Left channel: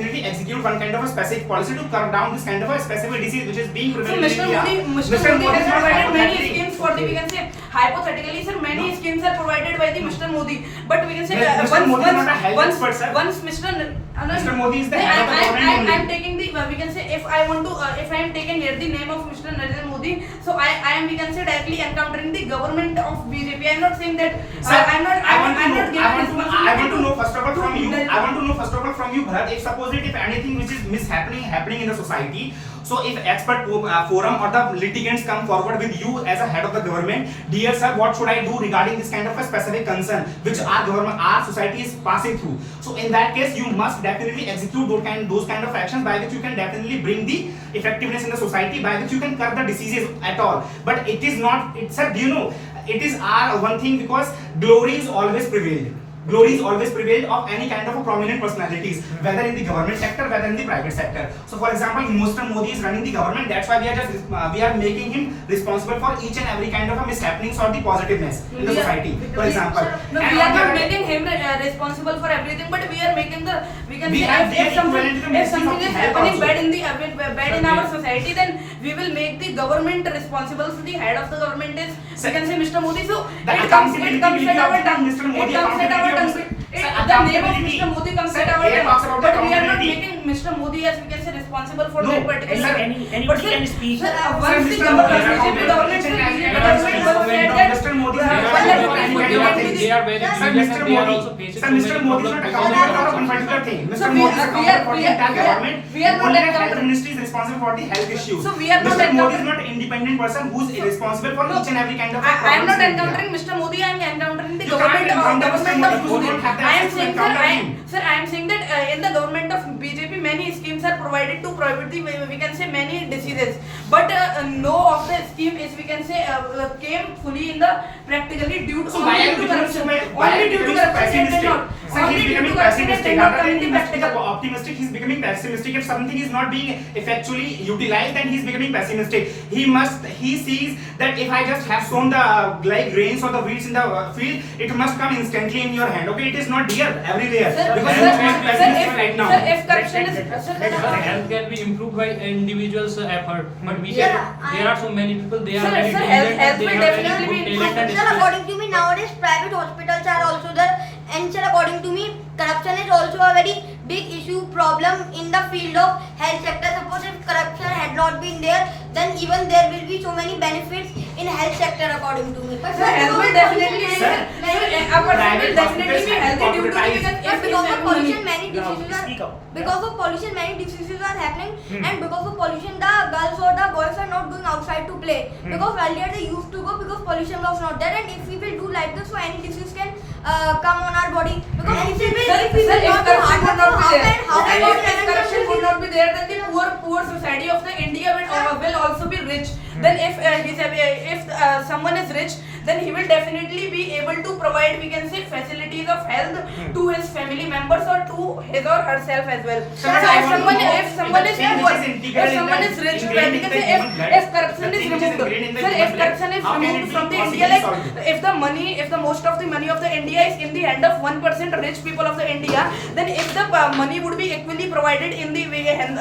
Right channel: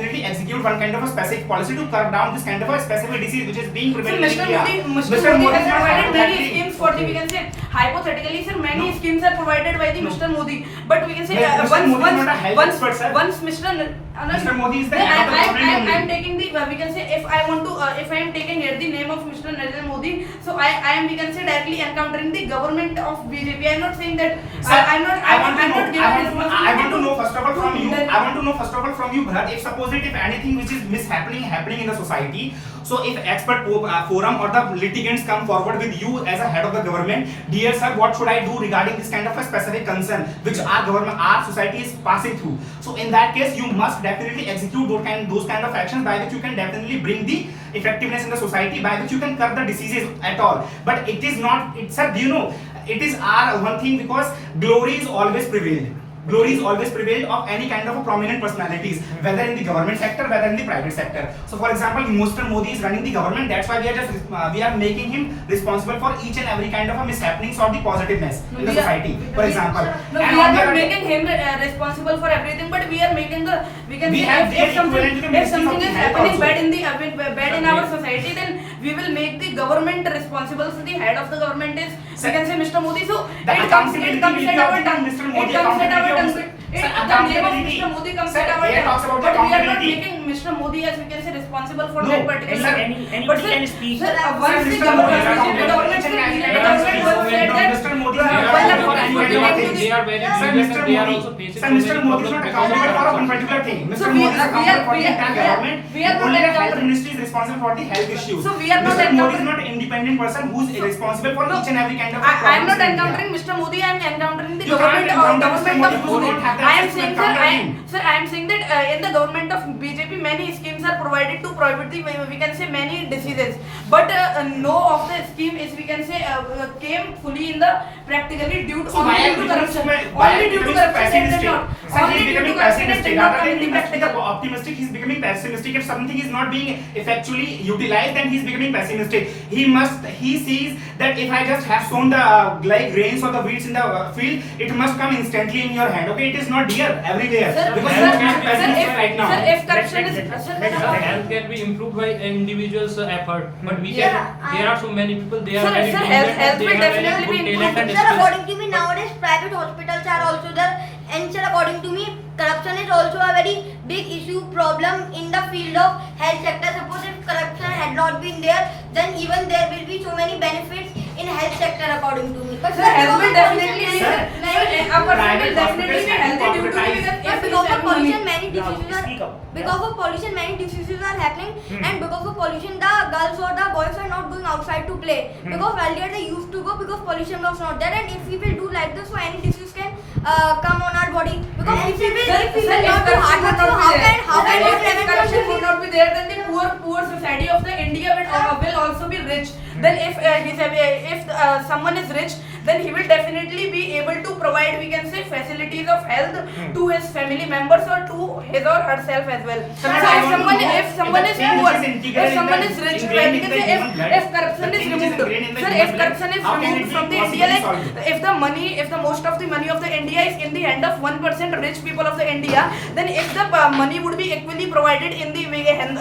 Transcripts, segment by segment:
definitely execute one kind of a specific policy to curb down this kind of a specific disease which is being prevalent in India. Mr. Modi has provided many schemes for the, we can say, hypothetically, sir, many schemes are provided by the Mr. Modi. But we can say, once Mr. Modi is the head of the government. I am taking the, we can say, if I am taking here the name of Mr. Narendra Modi, so I am, we can say, directly encountering the government of BJP. I am not saying that. I want to know first of all from you. I want to know first of all from you, Bharat, if suppose if anything which is happening in the society, so if expert forum or the litigants come forward with you as a head of the government, dear sir, what should I do regarding this kind of a specific concern which our society is passing through? So in that case, you must definitely execute those kind of actions by which you can definitely bring the effectiveness in the society, by which you can curb the diseases at all. But it is not. Sir, do you know? It is our one thing, because glory is always prevailed. Glory is always prevailed of any kind of a prominent personalities, whether in the government sector, whether in the private sector. So, for example, Mr. Modi is running the government. That's why we are making him responsible for each and every kind of a mishappenings or the positiveness in the society. For example, we are not making him responsible for everything, but we are making the if something is happening bad in our society, then we will make the government responsible. So the head of the government is, we can say, Mr. Modi. So it comes at our tongue. Mr. Modi, the name of Mr. Modi comes at our tongue, but we are not making Mr. Modi as, we can say, responsible for that particular. Anybody can speak. Once the government was said that Mr. Modi is not accountable for any kind of thing. They are very Mr. Modi is not accountable for one particular thing. Mr. Modi is accountable for the entire government. Only the health ministry is responsible for the health issues. So we are not. Mr. Modi is not an independent person who is responsible for each and every kind of. I am not encountering Mr. Modi. I am encountering the government of Modi. I am saying, sir, I am saying that in the government of BJP, many schemes are provided to prohibit the, we can say, many diseases. But no of the scheme is, we can say, came fully in the practically due to corruption. Only due to corruption. He's becoming pessimistic. Rather than being optimistic, he's becoming pessimistic. If something is not being effectually utilized, then he's becoming pessimistic. He sees that if I just have sown the grains or the weeds in the field, it must come instantly in your hand. Okay, it is not here everywhere. Because he's becoming pessimistic right now. Health can be improved by individuals' effort, but we can. There are so many people. They are very health they will have very definitely good be talent and Sir, according to me, nowadays private hospitals are also there. And sir, according to me, corruption is also a very big issue, problem in the field of health sector. Suppose if corruption had not been there, then even there will be so many benefits in health sector, according to me. But sir, health will definitely be healthy due to because of pollution, many diseases are happening, and because of pollution, the girls or the boys are not going outside to play. Because earlier they used to go because pollution was not there, and if we will do like this, so any disease can come on our body. Because if corruption would not be there, then the poor society of the India will also be rich. Then if someone is rich, then he will definitely be able to provide, we can say, facilities of health to his family members or to his or herself as well. So if someone is poor, if someone is rich, if corruption is removed, sir, if corruption is removed from the India, like if the most of the money of the India is in the hand of 1% rich people of the India, then if the money would be equally provided in the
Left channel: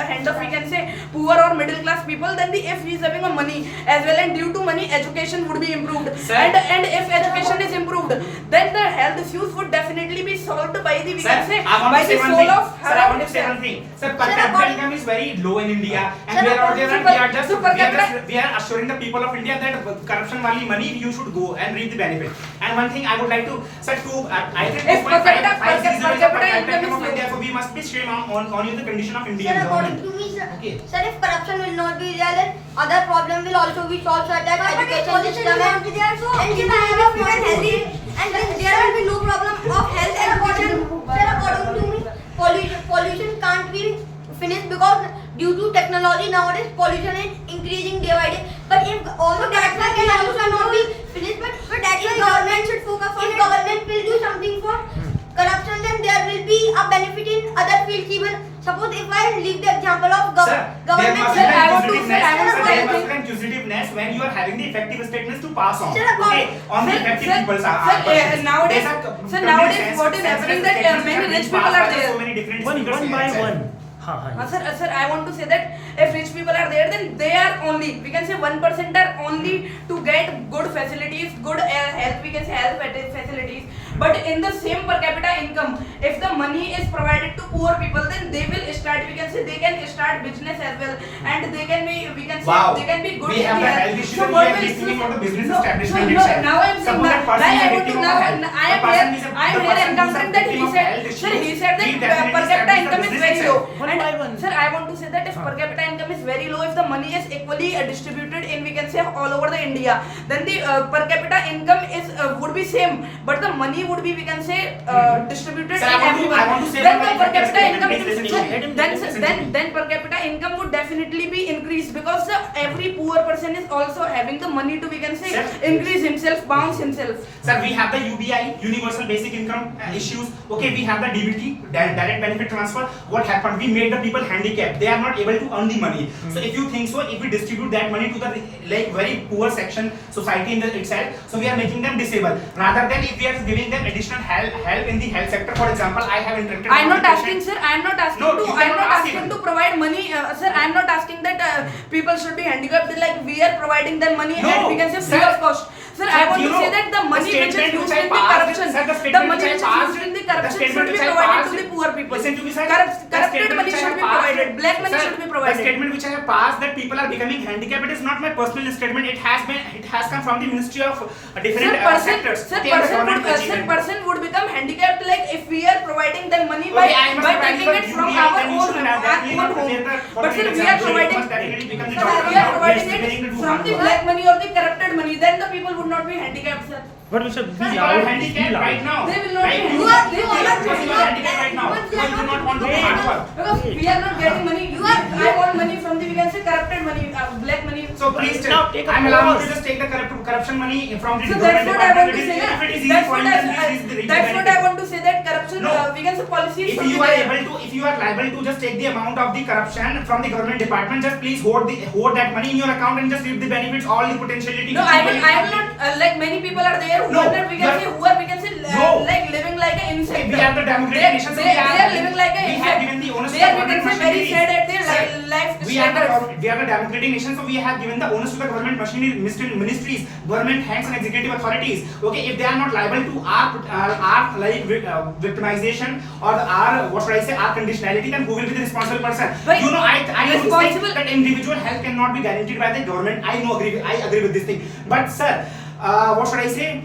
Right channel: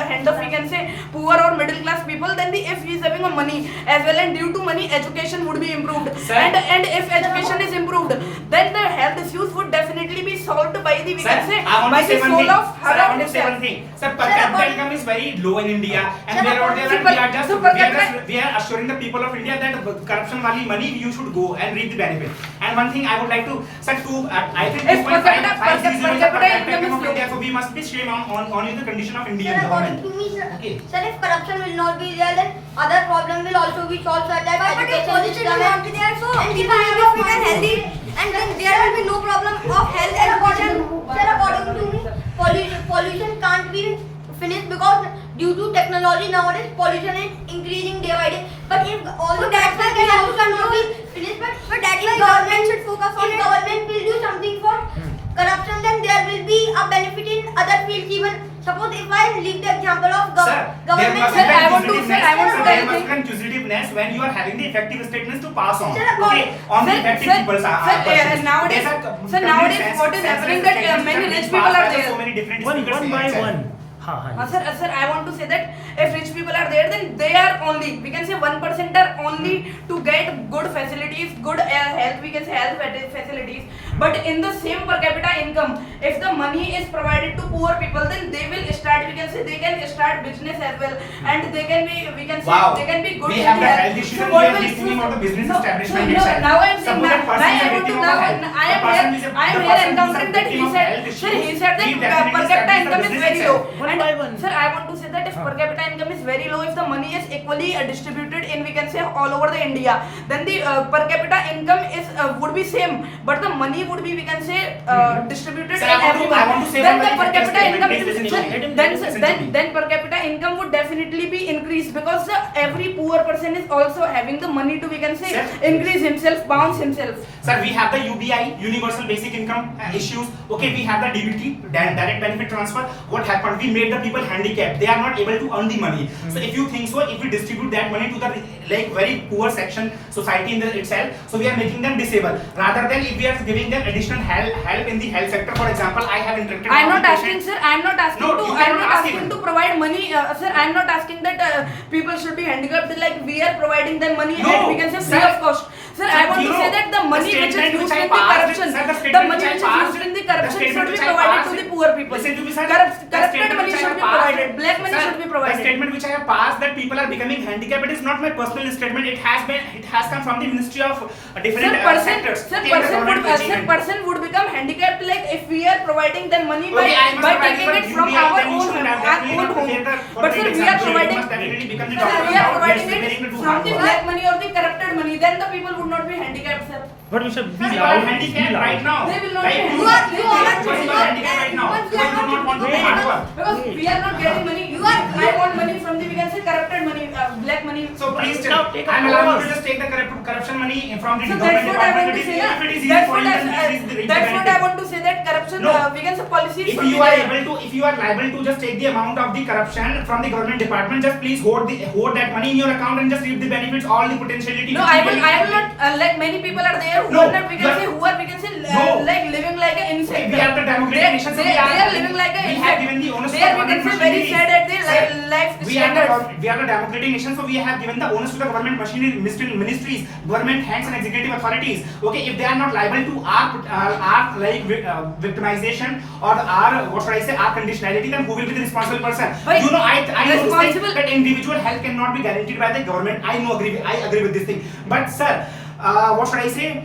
hand of, we can say, poor or middle class people, then if he is having a money as well, and due to money, education would be improved. And if education is improved, then the health issues would definitely be solved by the, we can say, by the soul of her. I want to say one thing. Sir, per capita income is very low in India, and we are assuring the people of India that corruption wali money you should go and reap the benefit. And one thing I would like to say, I think 2.5 per capita income of India, so we must be shame on the condition of Indian government. Sir, if corruption will not be there, then other problem will also be solved, such as education system and keep fit and healthy, and then there will be no problem of health and pollution. Sir, according to me, pollution can't be finished because due to technology nowadays pollution is increasing day by day. But if all the corruption can also not be finished, but that is government should focus on it. If government will do something for corruption, then there will be a benefit in other fields even. Suppose if I leave the example of government, there must be inclusiveness when you are having the effective statements to pass on. Okay, on the effective people. Nowadays, what is happening that many rich people are there. one by one. Sir, I want to say that if rich people are there, then they are only, we can say 1% are only to get good facilities, good health, we can say health facilities. But in the same per capita income, if the money is provided to poor people, then they will start, we can say they can start business as well, and they can be, we can say they can be good. We have the health issue and we are thinking about the business establishment itself. Now I am saying Suppose that person is a victim of health. I am here encountering that he said that per capita income is very low. And sir, I want to say that if per capita income is very low, if the money is equally distributed in, we can say all over the India, then the per capita income is would be same, but the money would be, we can say distributed in everyone. Then the per capita income, then per capita income would definitely be increased, because every poor person is also having the money to, we can say, increase himself, bounce himself. Sir, we have the UBI, Universal Basic Income issues. Okay, we have the DBT, direct benefit transfer. What happened? We made the people handicapped. They are not able to earn the money. So if you think so, if we distribute that money to the like very poor section society in itself, so we are making them disabled. Rather than if we are giving them additional help in the health sector. For example, I have interacted. I am not asking, sir. I am not asking No, to. I am not asking to provide money, sir. I am not asking that people should be handicapped. Like we are providing them money, and we can say free of cost. Sir, I want to say that the money which is used in the corruption, the money which is used in the corruption should be provided to the poor people. Listen to me, sir. Corrupted money should be provided. Black money should be provided. The statement which I have passed that people are becoming handicapped, it is not my personal statement. It has come from the Ministry of different sectors. Person would become handicapped like if we are providing them money by taking it from our own home. But sir, we are providing it from the black money or the corrupted money. Then the people would not be handicapped, sir. But we should be You are loud. handicapped right now. They will not be You are handicapped right now. You do not want to do hard work. Because we are not getting money. I want money from the, we can say, corrupted money, black money. So please Now tell, take a I'm allowed pause. to just take the corruption money from the So government that's what I want department. to say. If it is easy That's for what you, then please read the that's what I benefit. want to say, that corruption, No. we can say policies. If you are able to, if you are liable to just take the amount of the corruption from the government department, just please hold that money in your account and just reap the benefits, all the potentiality. No, I will not. Like many people are there who No, are not, we can say, No. like living like an insect. We are the democratic nation, so They are living like an we insect. have given the onus to They the are, we government can say, very machinery. sad at their Sir, life we are standards. the democratic nation, so we have given the onus to the government machinery, ministries, government hands and executive authorities. Okay, if they are not liable to our like victimization or our what should I say, our conditionality, then who will be the responsible person? But You know, I know this thing, responsible- that individual health cannot be guaranteed by the government. I agree with this thing. But sir, what should I say?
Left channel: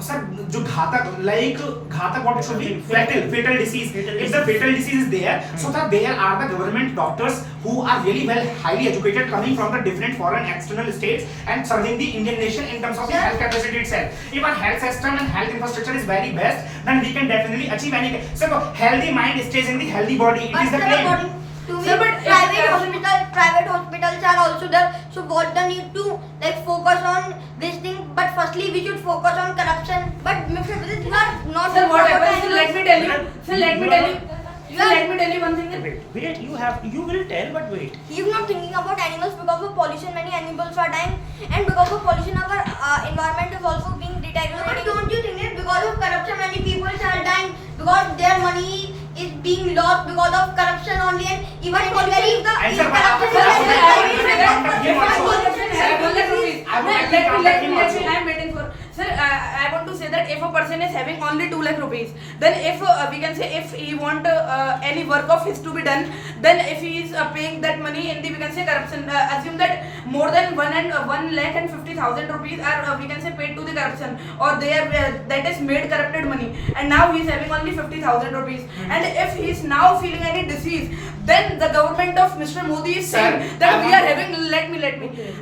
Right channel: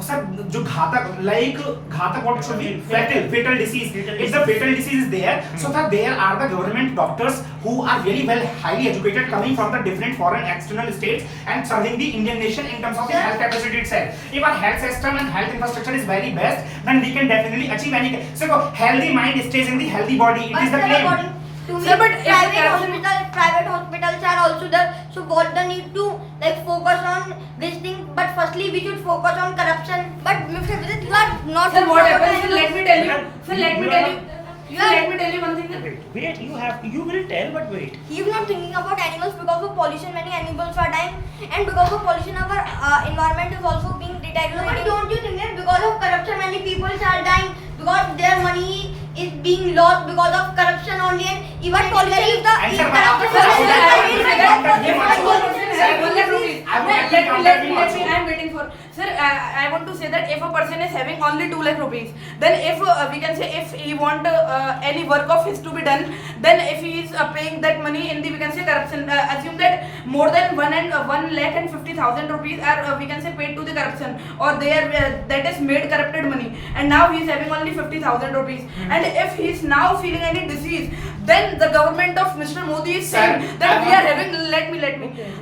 Sir, जो घातक what should be fatal disease. If the fatal disease is there, so that there are the government doctors who are really well, highly educated, coming from the different foreign external states and serving the Indian nation in terms of the health capacity itself. If our health system and health infrastructure is very best, then we can definitely achieve anything. So healthy mind stays in the healthy body. It is the claim. To me, Sir, but private hospitals are also there. So what the need to like focus on this thing? But firstly, we should focus on corruption. But Mr. Vidit, you are not. Sir, what happens? Let me tell you. Sir, let me tell you. Let me tell you one thing. Wait, you will tell, but wait. He is not thinking about animals. Because of pollution, many animals are dying, and because of pollution, our environment is also being deteriorated. But don't you think that because of corruption, many people are dying because their money is being lost because of corruption only, and even corruption is I am waiting for. Sir, I want to say that if a person is having only 2 lakh rupees, then if we can say if he want any work of his to be done, then if he is paying that money in the, we can say, corruption, assume that more than 1 lakh and 50,000 rupees are we can say paid to the corruption, or they are that is made corrupted money, and now he is having only 50,000 rupees, and if he is now feeling any disease, then the government of Mr. Modi is saying that we are having, let me,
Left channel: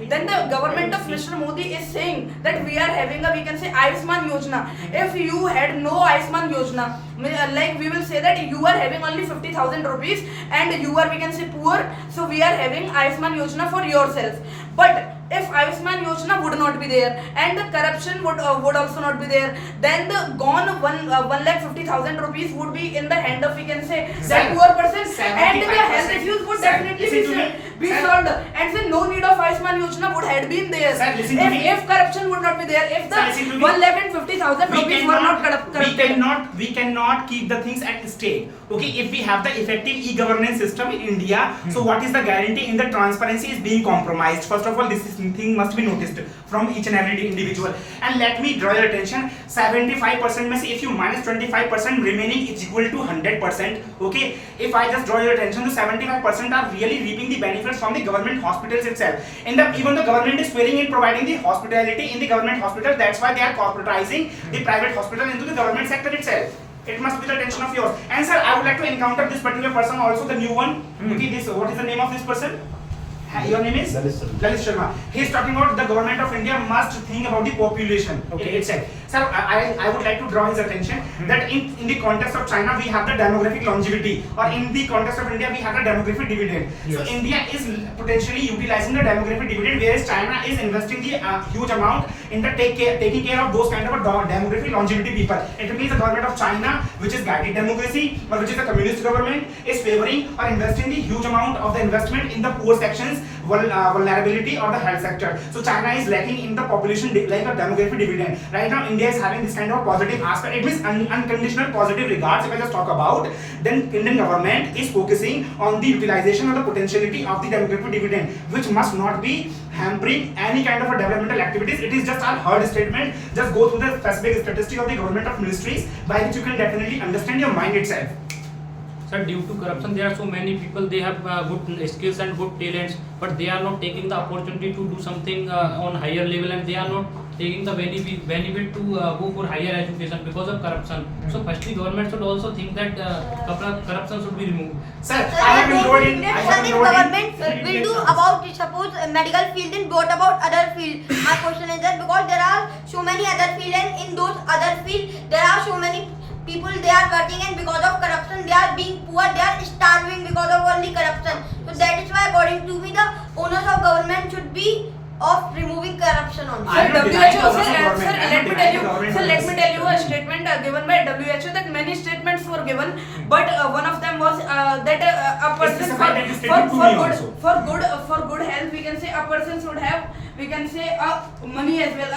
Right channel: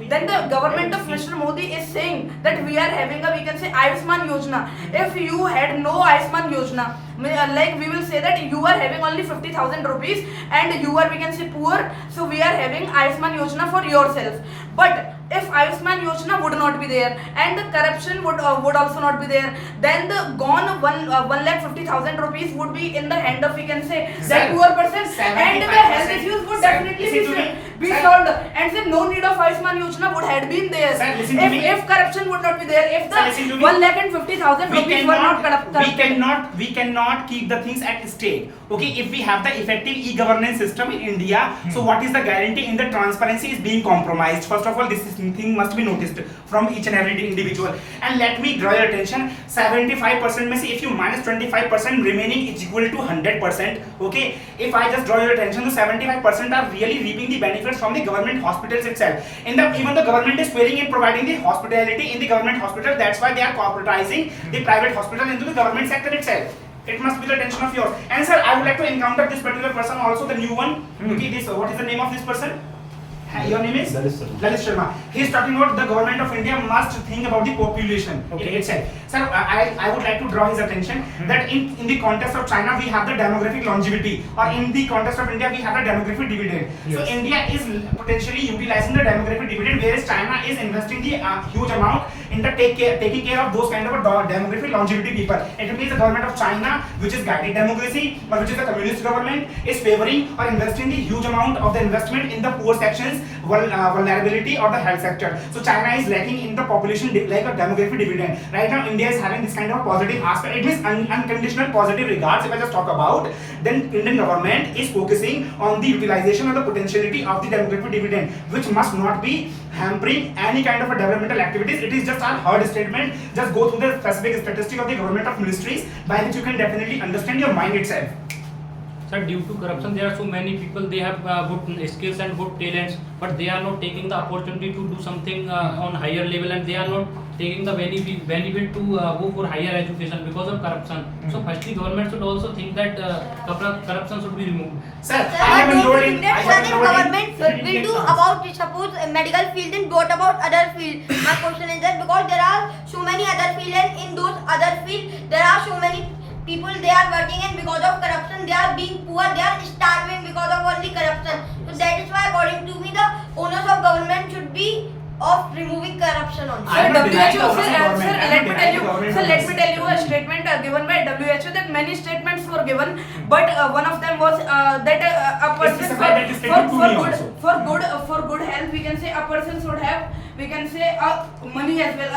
then the government of Mr. Modi is saying that we are having a, we can say, Ayushman Yojana. If you had no Ayushman Yojana, like we will say that you are having only 50,000 rupees and you are, we can say, poor, so we are having Ayushman Yojana for yourself. But if Ayushman Yojana would not be there and the corruption would also not be there, then the gone 1,50,000 rupees would be in the hand of, we can say, that poor person, and the health issues would definitely be solved, and say no need of Ayushman Yojana would have been there. Sir, listen to me. If corruption would not be there, if Sir, listen to the me. 1,50,000 rupees were not corrupted. We cannot keep the things at stake. Okay, if we have the effective e-governance system in India, so what is the guarantee in the transparency is being compromised? First of all, this thing must be noticed from each and every individual. And let me draw your attention, 75% में से if you minus 25%, remaining is equal to 100%. Okay, if I just draw your attention, the 75% are really reaping the benefits from the government hospitals itself. Even the government is failing in providing the hospitality in the government hospital. That's why they are corporatizing the private hospital into the government sector itself. It must be the attention of yours. And sir, I would like to encounter this particular person also, the new one. Okay, this, what is the name of this person? Your name is? Lalit Sharma. He is talking about the government of India must think about the population itself. Sir, I would like to draw his attention that in the context of China we have the demographic longevity, or in the context of India we have the demographic dividend. So India is potentially utilizing the demographic dividend, whereas China is investing the huge amount in the taking care of those kind of a demographic longevity people. It means the government of China, which is guided democracy or which is a communist government, is favoring or investing the huge amount of the investment in the poor sections, vulnerability or the health sector. So China is lacking in the population like a demographic dividend. Right now India is having this kind of positive aspect. It means unconditional positive regards. If I just talk about, then Indian government is focusing on the utilization or the potentiality of the demographic dividend, which must not be hampering any kind of a developmental activities. It is just our hard statement. Just go through the specific statistic of the government of ministries, by which you can definitely understand your mind itself. Sir, due to corruption, there are so many people, they have good skills and good talents, but they are not taking the opportunity to do something on higher level, and they are not taking the benefit to go for higher education because of corruption. So firstly, government should also think that corruption should be removed. Sir, I have enrolled in. Government will do about, suppose medical field, then what about other field? My question is that because there are so many other field, and in those other field there are so many people they are working, and because of corruption they are being poor, they are starving because of only corruption. So that is why according to me the owners of government should be of removing corruption only. Sir, let me tell you a statement given by WHO, that many statements were given, but one of them was that a person for good health, we can say a person should have, we can say money as well,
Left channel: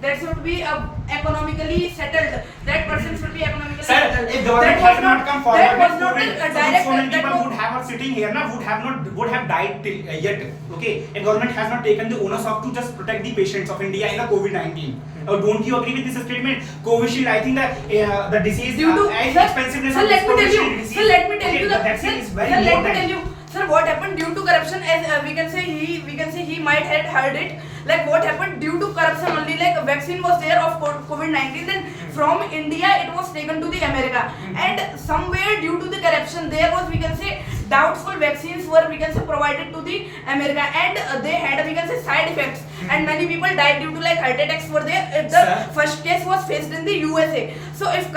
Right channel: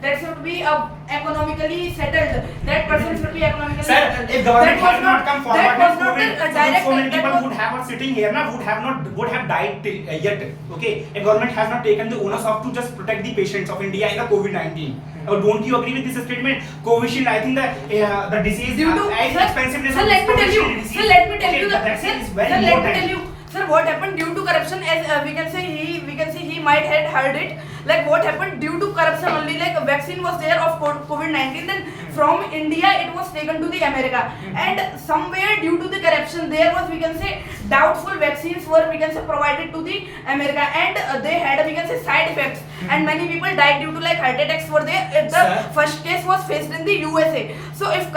that should be economically settled. That person should be economically settled. If government had not come forward, that was not the so many people would have sitting here now would have died yet. Okay, if government has not taken the onus of to just protect the patients of India in the COVID-19. Don't you agree with this statement? Covishield, I think the disease due to expensiveness sir, of let me tell you. disease. Sir, let me tell you. The vaccine is very Sir, let me important. tell you. Sir, what happened due to corruption? As we can say, he might have heard it. Like what happened due to corruption only. Like a vaccine was there of COVID-19. Then from India it was taken to the America. And somewhere due to the corruption there was, we can say, doubtful vaccines were, we can say, provided to the America, and they had, we can say, side effects. And many people died due to like heart attacks were there. The first case was faced in the USA. So if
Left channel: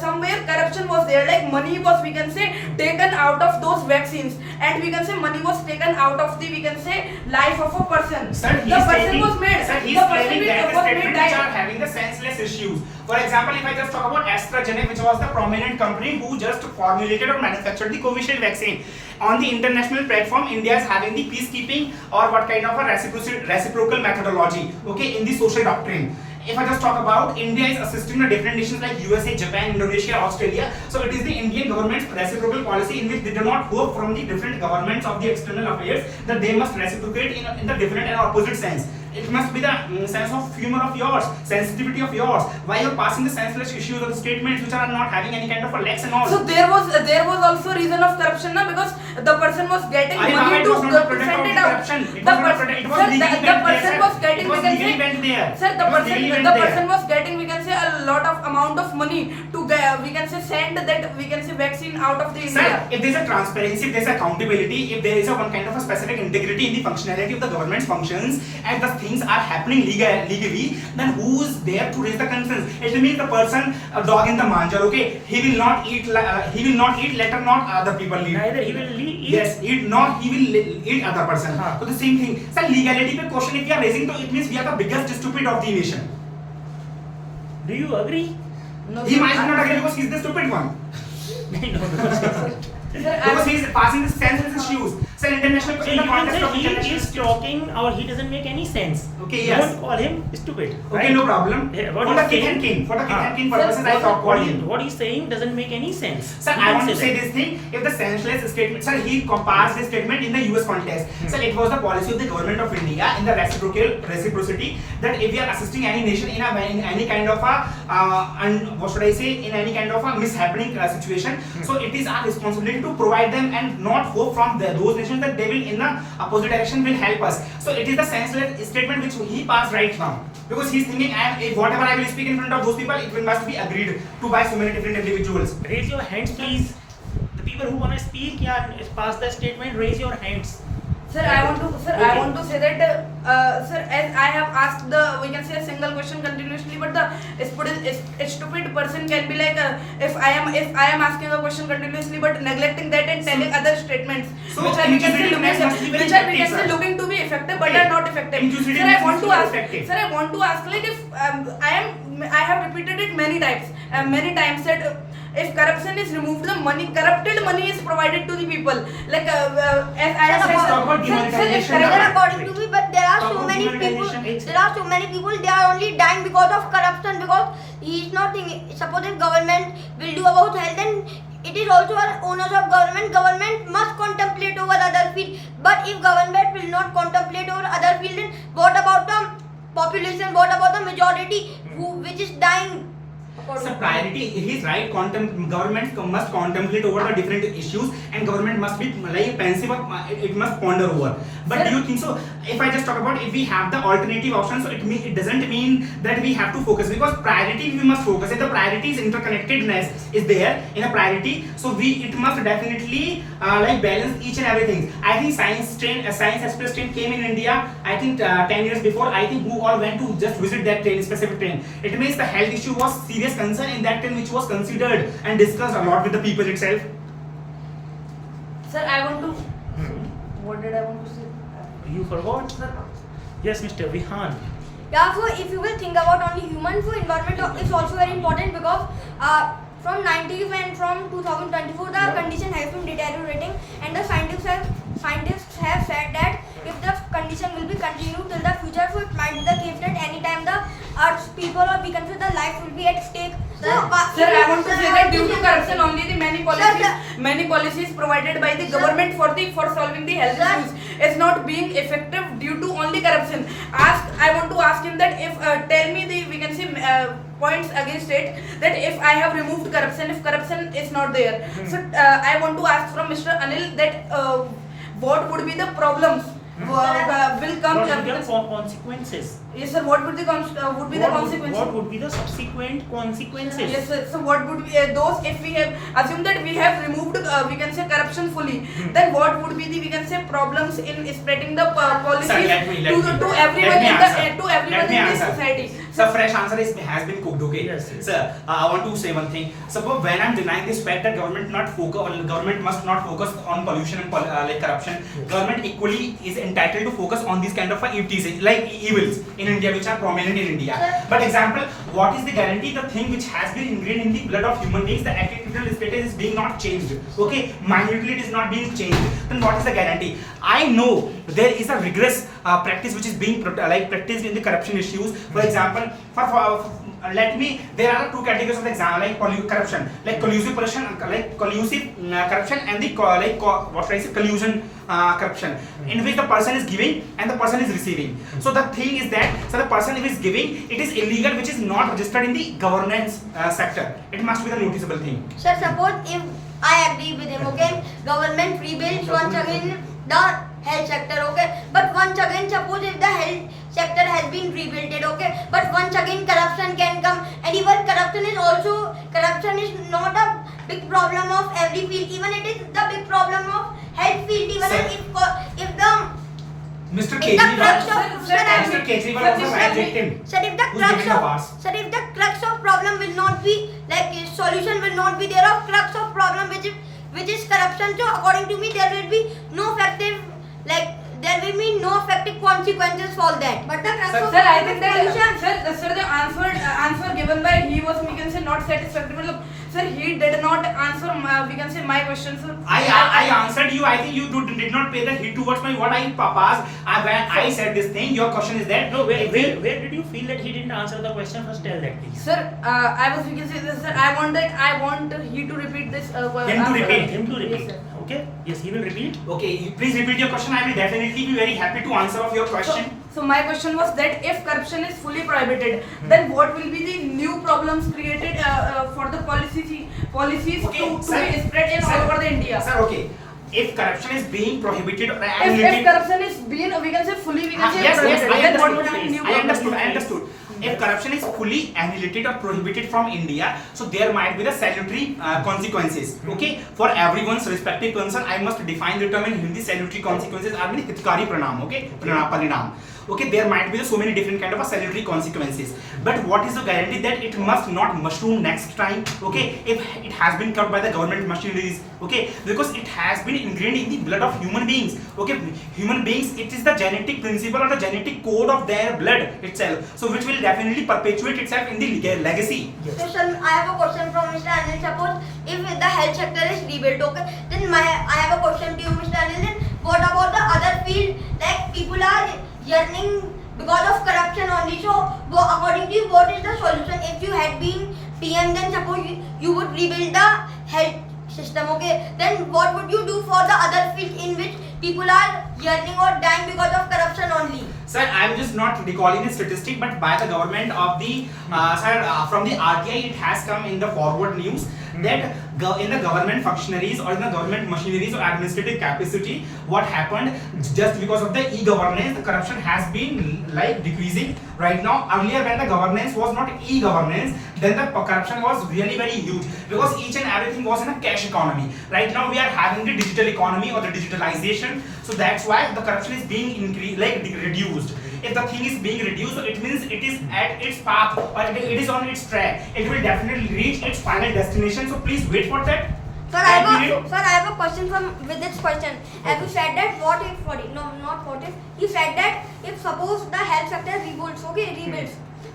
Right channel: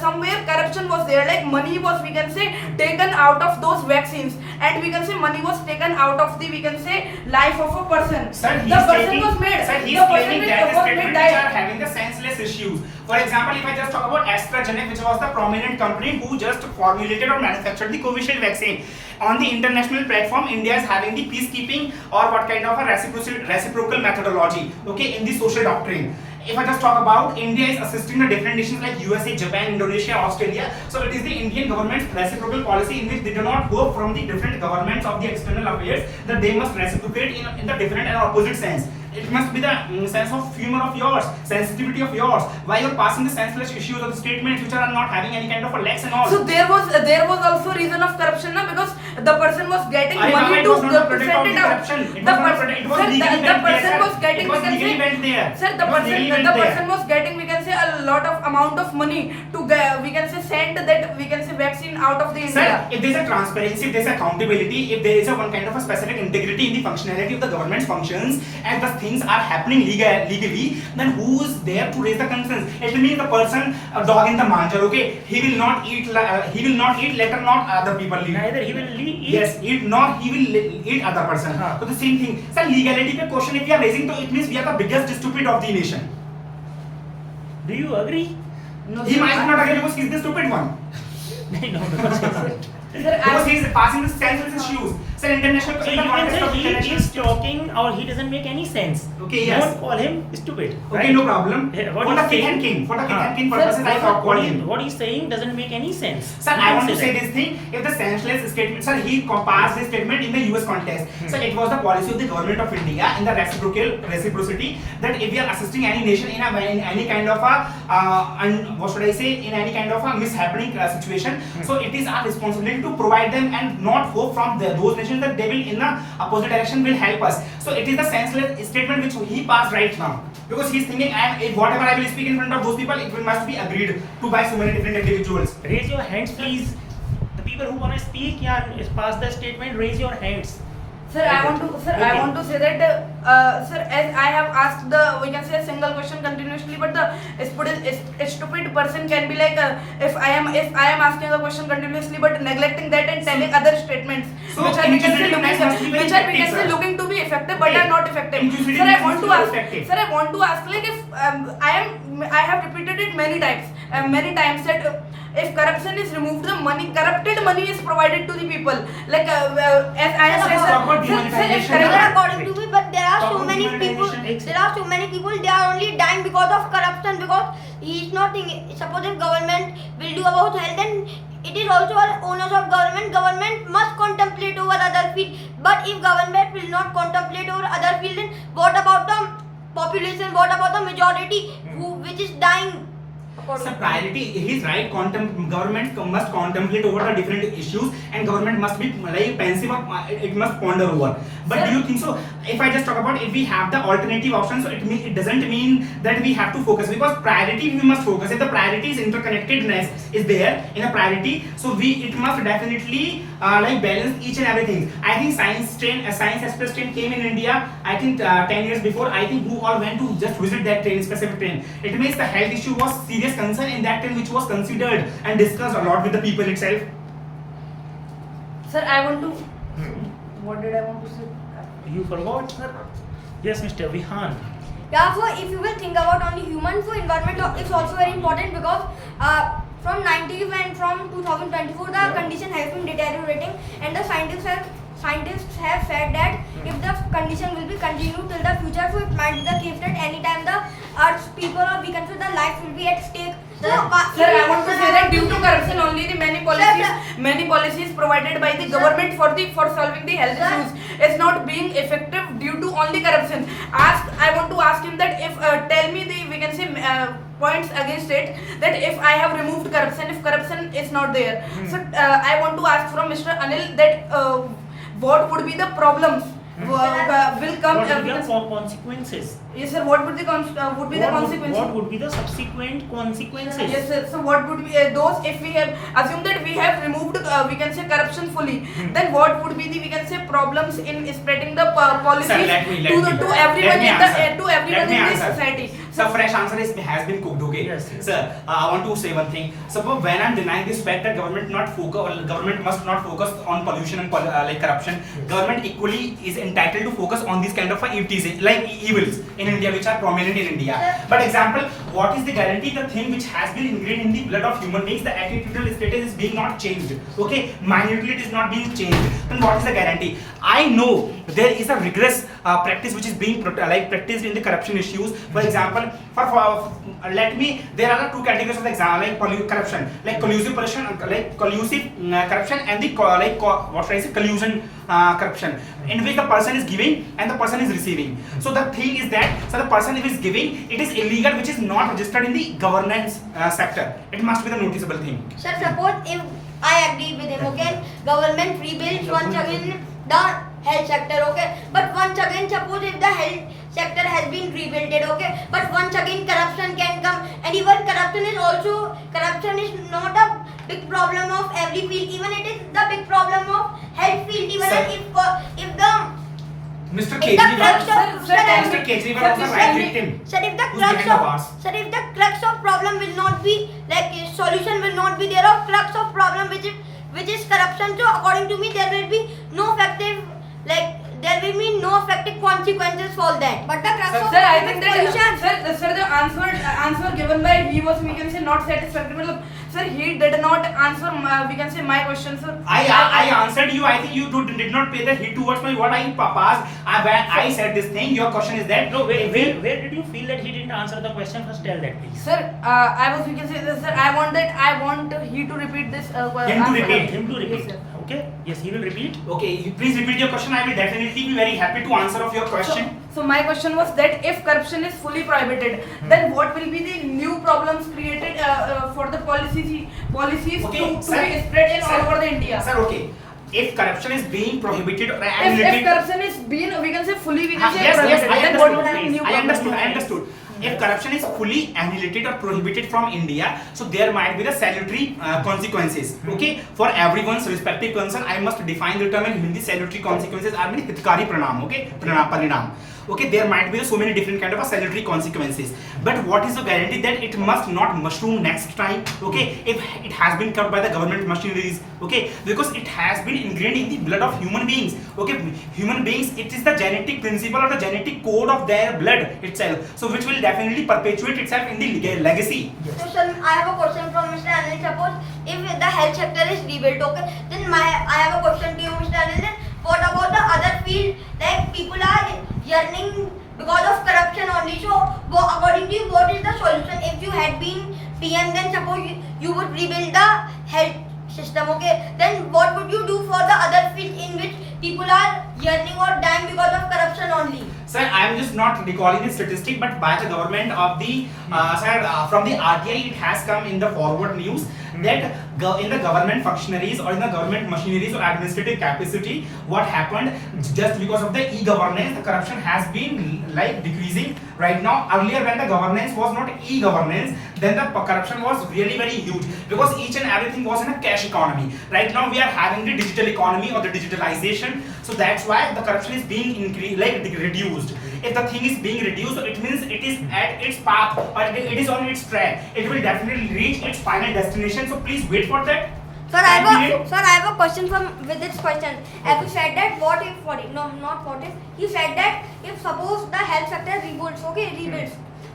somewhere corruption was there, like money was, we can say, taken out of those vaccines, and we can say money was taken out of the, we can say, life of a person. Sir, the person was made. Sir, he's claiming that statements which are having the senseless issues. For example, if I just talk about AstraZeneca, which was the prominent company who just formulated or manufactured the Covishield vaccine. On the international platform, India is having the peacekeeping or what kind of a reciprocal methodology, okay, in the social doctrine. If I just talk about, India is assisting the different nations like USA, Japan, Indonesia, Australia. So it is the Indian government's reciprocal policy in which they do not hope from the different governments of the external affairs that they must reciprocate in the different and opposite sense. It must be the sense of humor of yours, sensitivity of yours. Why you're passing the senseless issues or the statements which are not having any kind of a legs and all. So there was also reason of corruption, na, because the person was getting money to send it out. The person was getting, we can say, sir, the person was getting, we can say, a lot of amount of money to, we can say, send that, we can say, vaccine out of the India. Sir, if there is a transparency, if there is accountability, if there is a one kind of a specific integrity in the functionality of the government's functions, and the things are happening legally, then who is there to raise the concerns? It means the person, a dog in the manger, okay? He will not eat, let not other people eat. Neither he will eat. Yes, he will eat other person. So the same thing. Sir, legality pe question if we are raising, so it means we are the biggest stupid of the nation. Do you agree? No, He sir, might not agree because he's the stupid one. No, Because he is passing the senseless issues. Sir, international. So in the you can context say of he international is talking or he doesn't make any sense. Okay, yes. Don't call him stupid. Okay, right? no problem. Yeah, For what the he's king saying, and king, for the king Ah. and king purposes, I talk what, about him. what he's saying doesn't make any sense. Sir, You I can want to say that. this thing. If the senseless statement, sir, he passed this statement in the US context. Sir, it was the policy of the government of India in the reciprocity that if we are assisting any nation in any kind of what should I say, in any kind of a mishappening situation, so it is our responsibility to provide them and not hope from those nations that they will in the opposite direction will help us. So it is the senseless statement which he passed right now, because he is thinking, if whatever I will speak in front of those people, it must be agreed to by so many different individuals. Raise your hands, please. The people who want to speak, yeah, pass the statement. Raise your hands. Sir, I want to say that, sir, as I have asked we can say a single question continuously, but a stupid person can be like, if I am asking a question continuously, but neglecting that and telling other statements, So, which are we can say inclusivity must be very effective, sir. looking to be effective, but Okay. are not effective. Inclusivity Sir, I must want be to very ask, effective. sir, I want to ask, like, if I have repeated it many times that if corruption is removed, the corrupted money is provided to the people. Like, as I have Let's said, talk about sir, demonetization. sir, Sir, according to me, but there are Talk so about many people. demonetization. There are so many people. They are only dying because of corruption. Because he is not thinking. Suppose if government will do about health, then it is also an onus of government. Government must contemplate over other field. But if government will not contemplate over other field, then what about the population? What about the majority which is dying? So priority, he's right. Government must contemplate over the different issues, and government must be like pensive. It must ponder over. But do you think so? If I just talk about if we have the alternative option, so it doesn't mean that we have to focus, because priority we must focus. If the priority is interconnectedness is there in a priority, so it must definitely like balance each and everything. I think science express train came in India. I think 10 years before. I think who all went to just visit that train, specific train. It means the health issue was serious concern in that train, which was considered and discussed a lot with the people itself. Sir, I want to. What did I want to say? You forgot, sir? Yes, Mr. Vihan. Yeah, so if you will think about only human, so environment is also very important because from 90s and from 2024 the condition has been deteriorating, and the scientists have said that if the condition will be continued till the future, so it might be the case that anytime the Earth's people, or we can say the life, will be at stake. So, Sir, I want to say that due to corruption only the many policies provided by the government for solving the health issues is not being effective due to only corruption. I want to ask him that if tell me the we can say points against it, that if I have removed corruption, if corruption is not there. So I want to ask from Mr. Anil that what would be the problems will come. What would be the consequences? Yes, sir. What would the consequences? What would be the subsequent consequences? Yes, sir. So what would be those if we have assume that we have removed we can say corruption fully, then what would be the we can say problems in spreading the policies Sir, to everyone in this society? So fresh answer has been cooked. Okay. Yes, yes. Sir, I want to say one thing. Suppose when I'm denying this fact that government must not focus on pollution and like corruption, government equally is entitled to focus on these kind of EVs, like evils in India, which are prominent in India. But example, what is the guarantee the thing which has been ingrained in the blood of human beings, the attitudinal status is being not changed? Okay, minutely it is not being changed. Then what is the guarantee? I know there is a rigorous practice which is being practiced in the corruption issues. For example, there are two categories of example, like corruption, like collusive corruption, corruption, and the collusion corruption, in which the person is giving and the person is receiving. So the thing is that the person who is giving, it is illegal, which is not registered in the governance sector. It must be the noticeable thing. Sir, suppose if I agree with him, okay, government rebuilds once again the health sector, okay, but once again suppose if the health sector has been rebuilt, okay, but once again corruption can come, and even corruption is not a big problem of every field, even it is the big problem of health field, even Sir, if the Mr. if the crux Kejriwal, of Mr. Kejriwal was a victim. Sir, if the who's giving the pass. crux of problem will not be like solution will not be there of crux of problem which is corruption. So according to me, there will be no effective consequences for that. But the sir, I think that sir, the answer given by he was we can say not satisfactory. sir, he did not answer we can say my question, sir. I answered you. I think you did not pay the heed towards my what I passed. When I said this thing, your question is that No, where did you feel that he didn't answer the question? First tell that, please. Sir, I was, we can say this, sir. I want he to repeat this. Him to answer. repeat. Him to repeat. Yes, sir. Okay. Yes, he will repeat. Okay, you please repeat your question. I will definitely be very happy to answer of your question. So my question was that if corruption is fully prohibited, then what will be the new problems created for the policies Okay, to sir, be spread in sir, all over the India? Sir, okay. If corruption is being prohibited or If corruption is being, we can say fully, we can say yes, prohibited, I then what would be the new understood. problems? I understood. If corruption is fully annihilated or prohibited from India, so there might be the salutary consequences. Okay, for everyone's respective concern, I must define the term in Hindi. Salutary consequences are mean hitkari pranam. Okay, parinam. Okay, there might be so many different kind of salutary consequences. But what is the guarantee that it must not mushroom next time? Okay, if it has been covered by the government machineries. Okay, because it has been ingrained in the blood of human beings. Okay, human beings, it is the genetic principle or the genetic code of their blood itself. So which will definitely perpetuate itself in the legacy. Yes. So, sir, I have a question from Mr. Anil. Suppose if the health sector is rebuilt, okay, then I have a question to you, Mr. Anil. Then what about the other field? Like people are yearning because of corruption only. So, according to you, what is the solution? If you had been PM, then suppose you would rebuild the health system, okay? Then what would you do for the other fields in which people are yearning or dying because of corruption only? Sir, I am just not recalling the statistic, but by the government of the from the RTI, it has come in the forward news that in the government functionaries or in the government machineries or administrative capacity, what happened just because of the e-governance, the corruption has been like decreasing right now. Earlier, when the governance was not e-governance, then the corruption was really very huge because each and everything was in a cash economy. Right now, we are having the digital economy or the digitalization, so that's why the corruption is being reduced. If the thing is being reduced, it means it is at its path or it is on its track. It will definitely reach its final destination. So please wait for that. Sir, I have a question with this question. As you said that you said that if suppose the health sector rebuilds,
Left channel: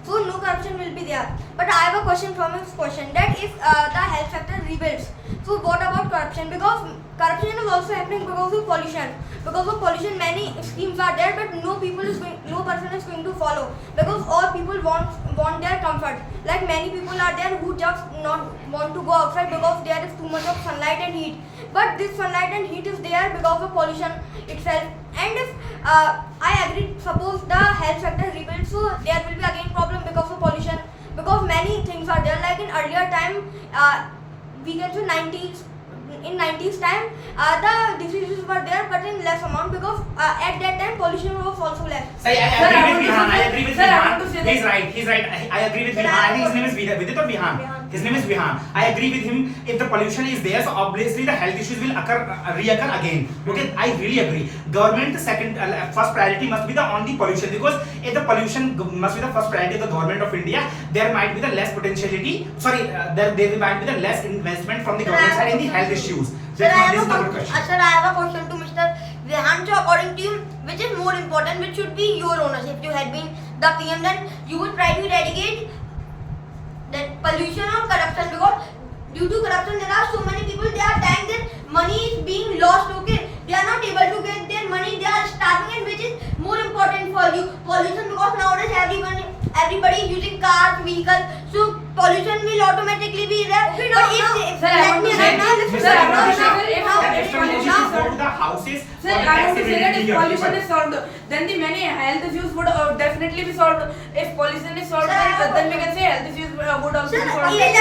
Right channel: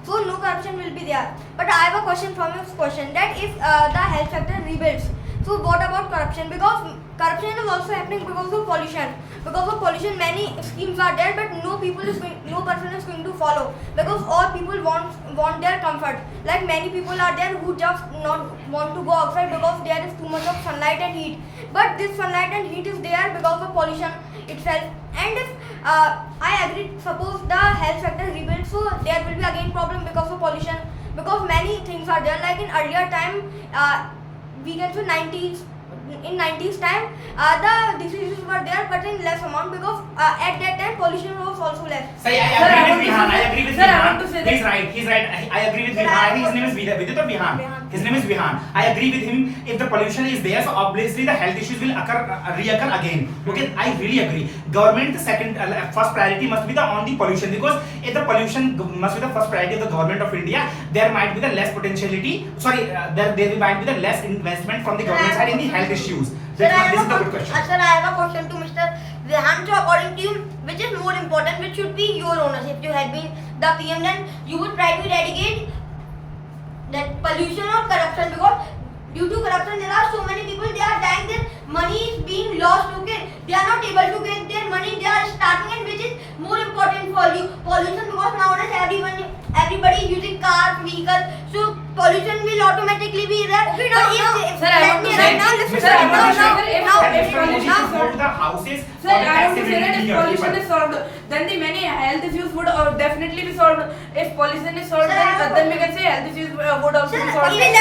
so no corruption will be there. But I have a question from this question that if the health sector rebuilds, so what about corruption? Because corruption is also happening because of pollution. Because of pollution, many schemes are there, but no person is going to follow. Because all people want their comfort. Like many people are there who just not want to go outside because there is too much of sunlight and heat. But this sunlight and heat is there because of pollution itself. And if I agree, suppose the health sector rebuilds, so there will be again problem because of pollution. Because many things are there. Like in earlier time, we can say in 90s time, the diseases were there but in less amount because at that time pollution was also less. I agree with Sir, I Vihan. want to say that- He's right. I agree with Vihan. I think his name is Vidit or Vihan. His name is Vihan. I agree with him. If the pollution is there, so obviously the health issues will reoccur again. Okay, I really agree. Government first priority must be on the pollution, because if the pollution must be the first priority of the government of India, there might be the less potentiality. There might be the less investment from the government side in the health issues. Sir, I This is the have good question. a question to Mr. Vihan. So according to you, which is more important, which should be your ownership? If you had been the PM, then you would try to eradicate that pollution or corruption, because due to corruption there are so many people, they are dying, their money is being lost, okay? They are not able to get their money, they are starving, and which is more important for you? Pollution, because nowadays everybody is using cars, vehicles, so pollution will automatically be there. Okay, but Sir, I want to say Houses. Sir, I want to say that if pollution is solved, then the many health issues would definitely be solved. If pollution is solved, then we can say health issues would also be solved. Let me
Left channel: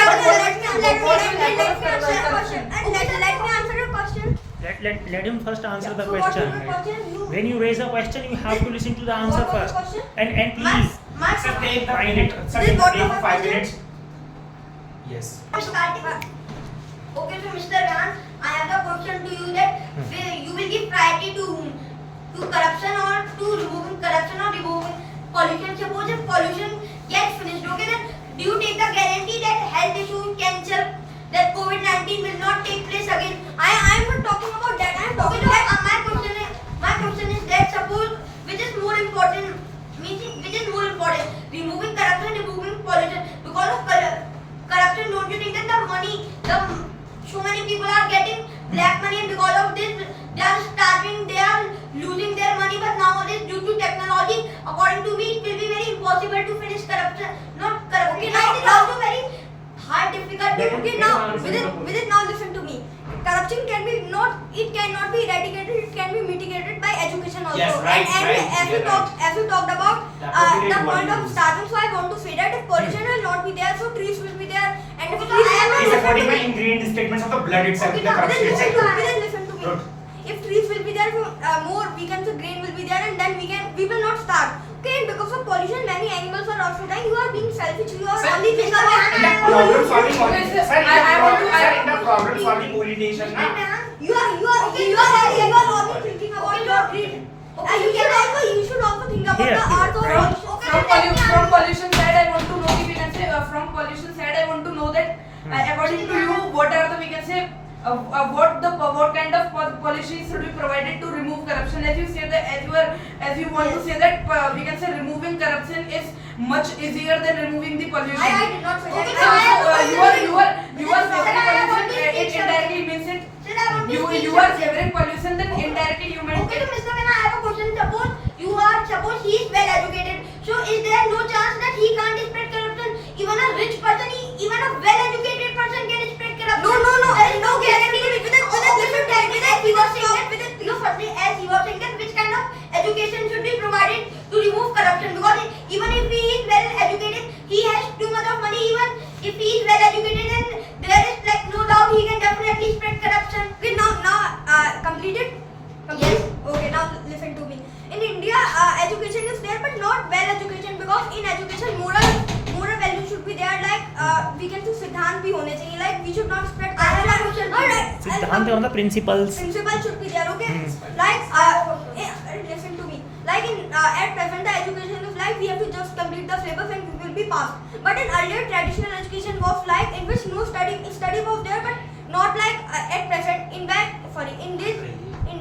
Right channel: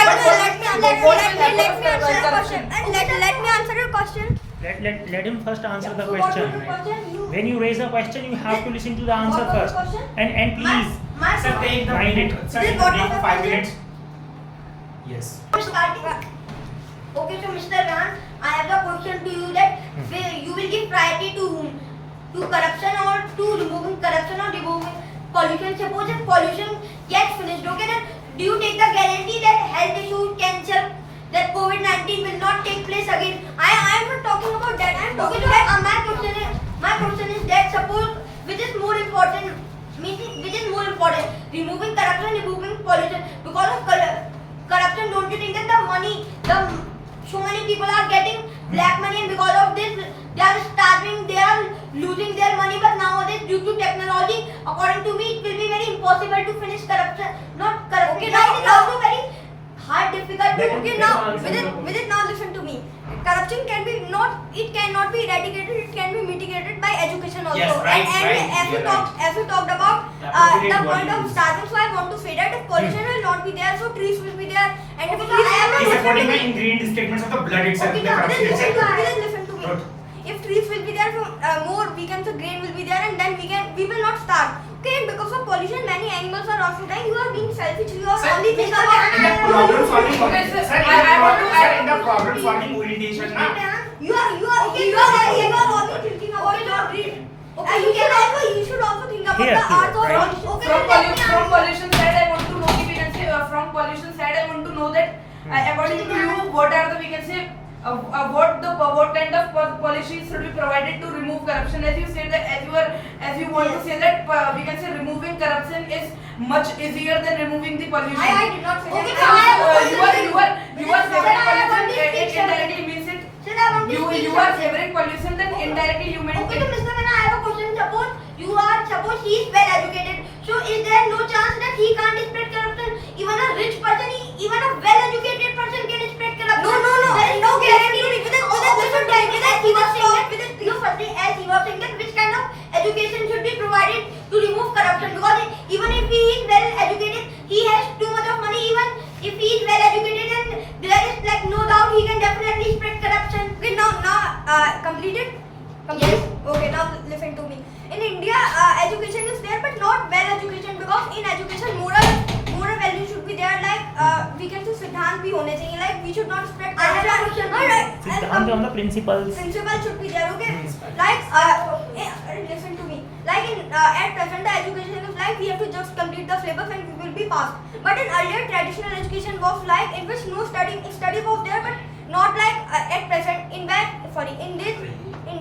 answer your question. Let him first answer the So what question. is the question? When you raise a question, you have to listen to the answer What was the first. question? And please, Sir, take the Mind it. Sir, This take what the was the 5 question? minutes. Yes. Okay, so Mr. Vihan, I have the question to you that you will give priority to whom? To corruption or to removing corruption or removing pollution? Suppose if pollution gets finished, okay, then do you take the guarantee that health issues, cancer, that COVID-19 will not take place again? I am not talking about that. I am talking about my question is that suppose which is more important, removing corruption, removing pollution, because of corruption, don't you think that the money, so many people are getting black money, and because of this, they are starving, they are losing their money. But nowadays, due to technology, according to me, it will be very impossible to finish corruption. Not corruption. Okay, It is also very hard, difficult. Okay, now with it now listen to me. Corruption can be not, it cannot be eradicated, it can be mitigated by education also. Yes, right, and right, as you're we talked about The appropriate the word point you of use. starting, so I want to say that if pollution will not be there, so trees will be there, and if Okay, trees so I am He's supporting my ingredient statements of the blood itself, okay, the now corruption then itself. listen to me. Good. If trees will be there, so more we can say grain will be there, and then we will not starve. Okay, and because of pollution, many animals are also dying. You are being selfish. You are Sir, only thinking about In the problem solving Okay, orientation, sir, sir, I want to- in the problem solving orientation, na, you are only thinking about your greed. You should also think about Here, the here. earth or Right. From pollution side, I want to know, we can say, from pollution side, I want to know that, according to you, what are the, we can say, what kind of policies should be provided to remove corruption? As you say that, as you want to say that, we can say removing corruption is much easier than removing the pollution. I did not say that. Okay, I have a you are question. favoring Sir, I want pollution, to speak, sir. indirectly means it. Sir, I want to speak, You sir. are favoring pollution, then indirectly you meant Okay, it. so Mr. Mena, I have a question. Suppose he is well educated. So is there no chance that he can't spread corruption? Even a rich person, even a well educated person can spread corruption. No. There is no guarantee. Listen, He was saying that, no, firstly, as he was saying that which kind of education should be provided to remove corruption. Because even if he is well educated, he has too much of money. Even if he is well educated, and there is like no doubt he can definitely spread corruption. Okay, now completed. Yes. Okay, now listen to me. In India, education is there, but not well education, because in education, moral value should be there. Like we can say Siddhant bhi hone chahiye. Like we should not spread. I have a question. Alright. Siddhant on the principles. Principle should be there. Okay. Like listen to me. Like at present, the education is like we have to just complete the syllabus and we will be passed. But in earlier traditional education was like in which no study was there, but not like at present. In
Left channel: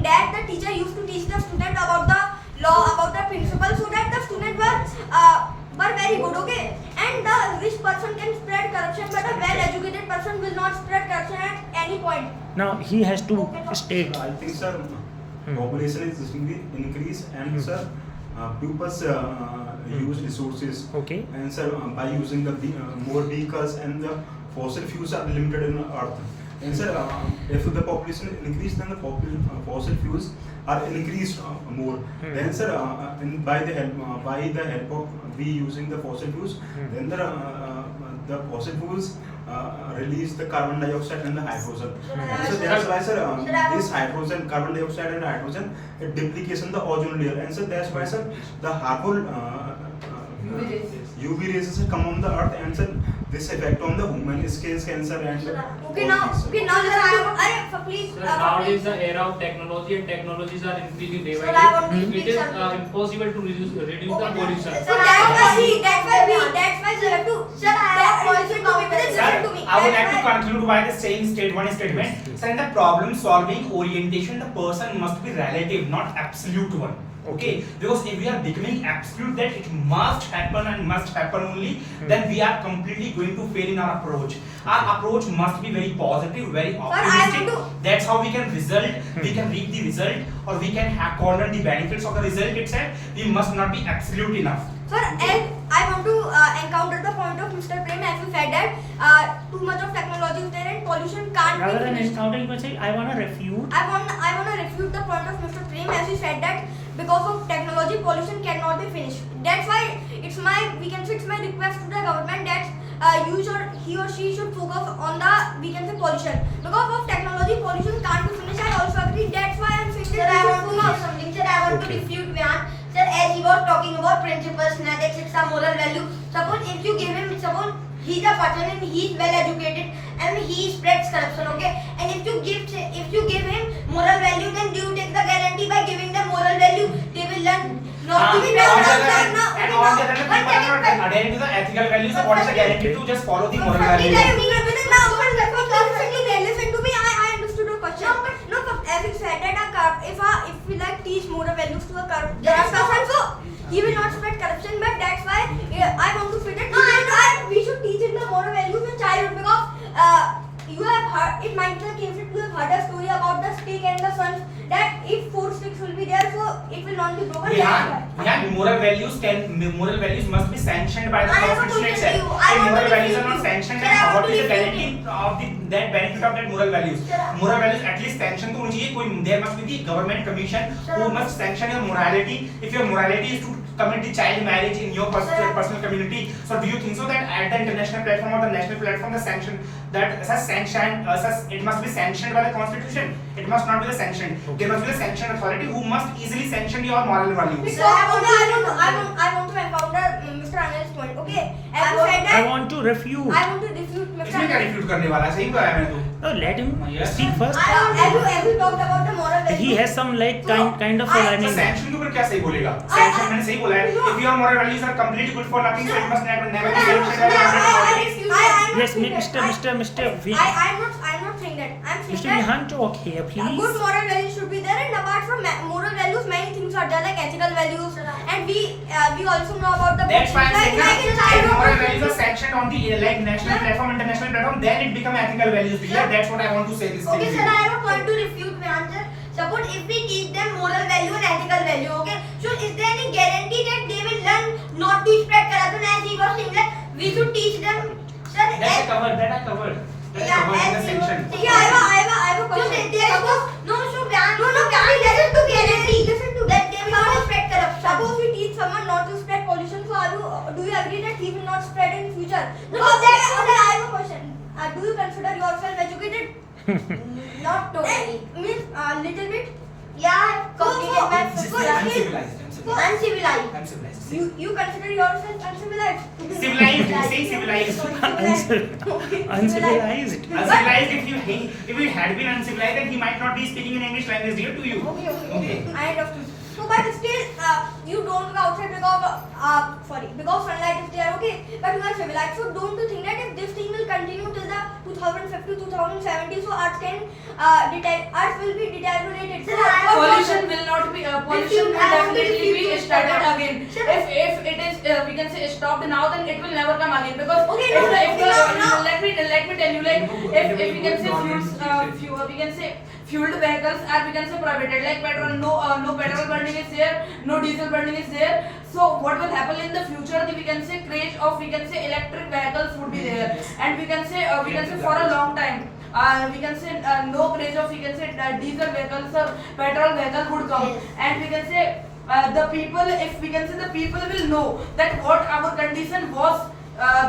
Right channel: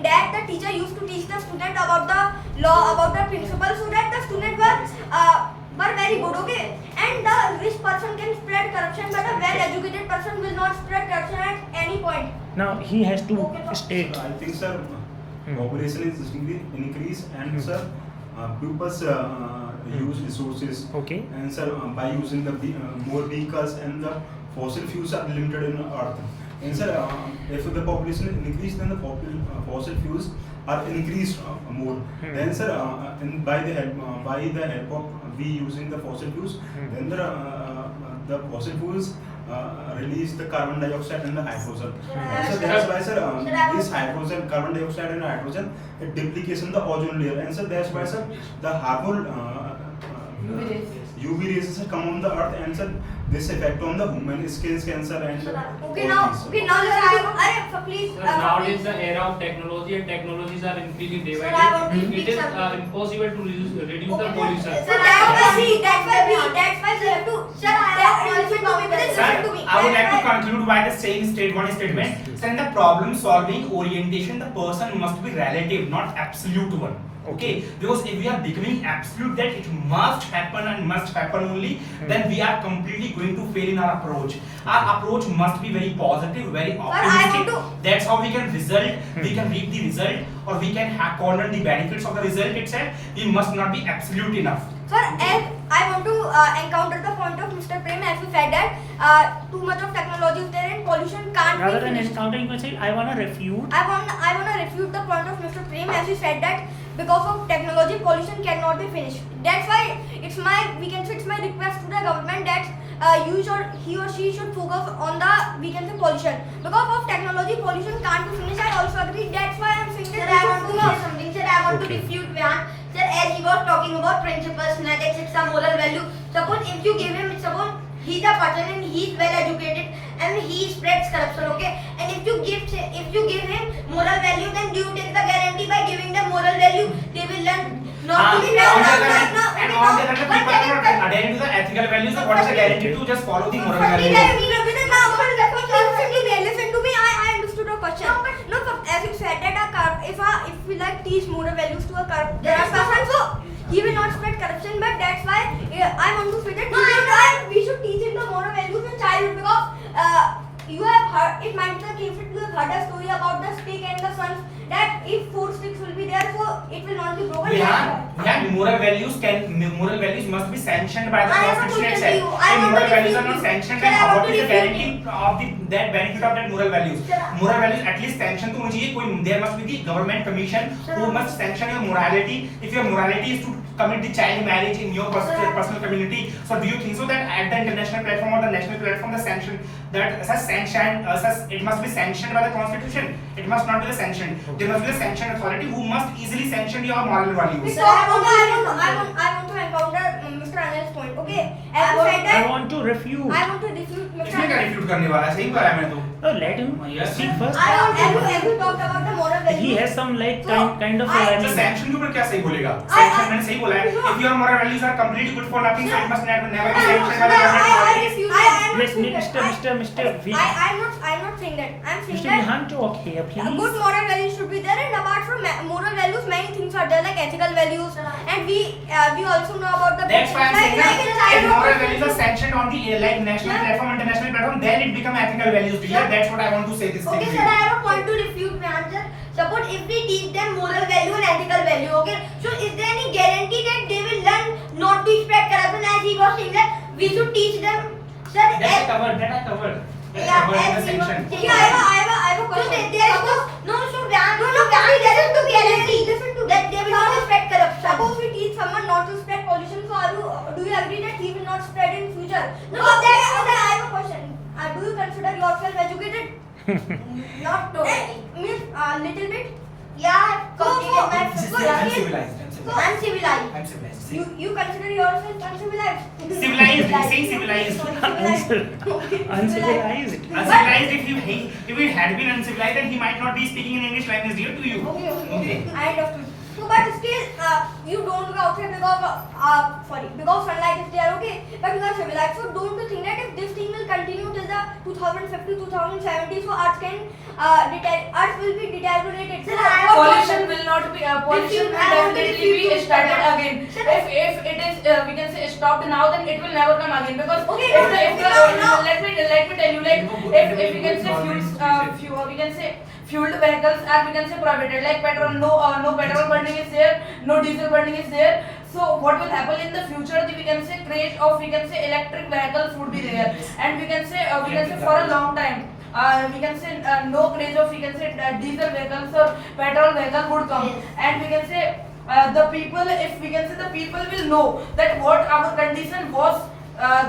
that the teacher used to teach the student about the law, about the principles, so that the student were very good. Okay, and the rich person can spread corruption, but a well educated person will not spread corruption at any point. Now he has to state. I think, sir, population is increase, and sir, pupils use resources. Okay. And sir, by using the more vehicles, and the fossil fuels are limited in Earth. And sir, if the population increase, then the fossil fuels are increased more. Then sir, and by the help of we using the fossil fuels, then the fossil fuels release the carbon dioxide and the hydrogen. And so that's why, sir, this hydrogen, carbon dioxide and hydrogen, it duplicates in the ozone layer. And so that's why, sir, the harmful UV rays come on the earth, and sir, this effect on the human skin cancer and Okay, now listen. Please. Sir, nowadays the era of technology and technologies are increasing day Sir, by I want to day. speak It is something. impossible to reduce the pollution. So that's why we have to. Sir, listen to me. Listen to me. I would like to conclude by the saying one statement. Sir, in the problem solving orientation, the person must be relative, not absolute one. Okay, because if we are becoming absolute that it must happen and must happen only, then we are completely going to fail in our approach. Our approach must be very positive, very optimistic. That's how we can we can reap the result, or we can corner the benefits of the result itself. We must not be absolute enough. Sir, and I want to encounter the point of Mr. Prem, as you said that too much of technology is there and pollution can't Rather be than finished. encounter, you can say, I wanna refute. I wanna refute the point of Mr. Prem, as he said that because of technology, pollution cannot be finished. That's why it's my request to the government that he or she should focus on the pollution. Because of technology, pollution can't be finished. I also agree. That's why I'm saying Sir, that I we want should to focus. say something. Sir, I want to Okay. refute Vihan. Sir, as he was talking about principles, ethics, it's a moral value. Suppose if you give him, suppose he's a person and he's well educated and he spreads corruption, okay? And if you give him moral value, then you take the guarantee by giving them moral value, they will learn not to be On the well. other hand, and on the other hand, people are not adhering to the ethical values. So what is the guarantee to just follow the moral values? Listen to me. I understood your question. No, but as you said that if we like teach moral values to a corrupt person, so he will not spread corruption. But that's why I want to say that we should teach him the moral values in childhood you have heard, it might be the case that you have heard a story about the stick and the sons, that if 4 sticks will be there, so it will not be broken. Moral values must be sanctioned by the I have a constitution question to you. itself. I If want moral to values are refute not you. sanctioned, Sir, I then want what to is the refute guarantee of that benefit of that moral values? Sir, Moral values at least sanction तो होनी चाहिए. कोई there must be the government commission who must sanction your morality. If your morality is to commit the child marriage in your personal community, so do you think so that at the international platform or the national platform the sanction that such it must be sanctioned by the constitution? It must not be the sanctioned. There must be the sanctioned authority who must easily sanction your moral values. Sir, I want to encounter Mr. Anil's point. Okay, as you said I that, want to refute. I want to refute Mr. इसमें क्या Anil. refute करने वाला है? सही बताया मैंने तो. Let him Yes. speak first. As you talked about the moral values. He has some like So, kind of I- तो learning. sanction के ऊपर क्या सही बोलेगा? Sanction मैंने सही बोला है. If your moral values are completely good for nothing, so it must never be sanctioned by the government. Yes, Mr. I'm not saying that. I'm saying Mr. that Vihan, talk here, good please. moral values should be there, and apart from moral values, many things are there like ethical values, and we also know about the That's why I'm saying that in if child moral protection. values are sanctioned on the like national platform, international platform, then it become ethical values. Yeah, that's what I want to say this Okay, thing. sir, I have a point to refute my answer. Suppose if we teach them moral value and ethical value, okay, so is there any guarantee that they will learn not to spread corruption, as he was saying that we should teach them, sir? That's covered. That's covered in the sanction. Yeah, I have a question. So there is no, there is no guarantee. Listen to that they will not spread corruption. Suppose we teach someone not to spread pollution, so do you agree that he will not spread in future? No, that's what I have a question. Do you consider yourself educated? Not totally. Means little bit. Yeah, completed my Just first say I'm year. civilized. Uncivilized. I'm civilized. You consider yourself uncivilized? Civilized. Say civilized. Okay, Uncivilized. Uncivilized. If it had been uncivilized, then he might not be speaking in English language here to you. Okay. I understood. So, but still, you don't go outside because sunlight is there, okay? But you are civilized. So, don't you think that if this thing will continue till the 2050, 2070, so Earth will be deteriorated. So, Pollution will not be. Pollution will definitely be started again. If it is, we can say stopped now, then it will never come again because. Okay, let me tell you, like if we can say we can say fueled vehicles are we can say prohibited, like petrol, no petrol burning is there, no diesel burning is there. So what will happen in the future? We can say craze of we can say electric vehicles would be there, and we can say for a long time. We can say no craze of we can say diesel vehicles or petrol vehicle would come, and we can say the people, if we can say the people will know that what our condition was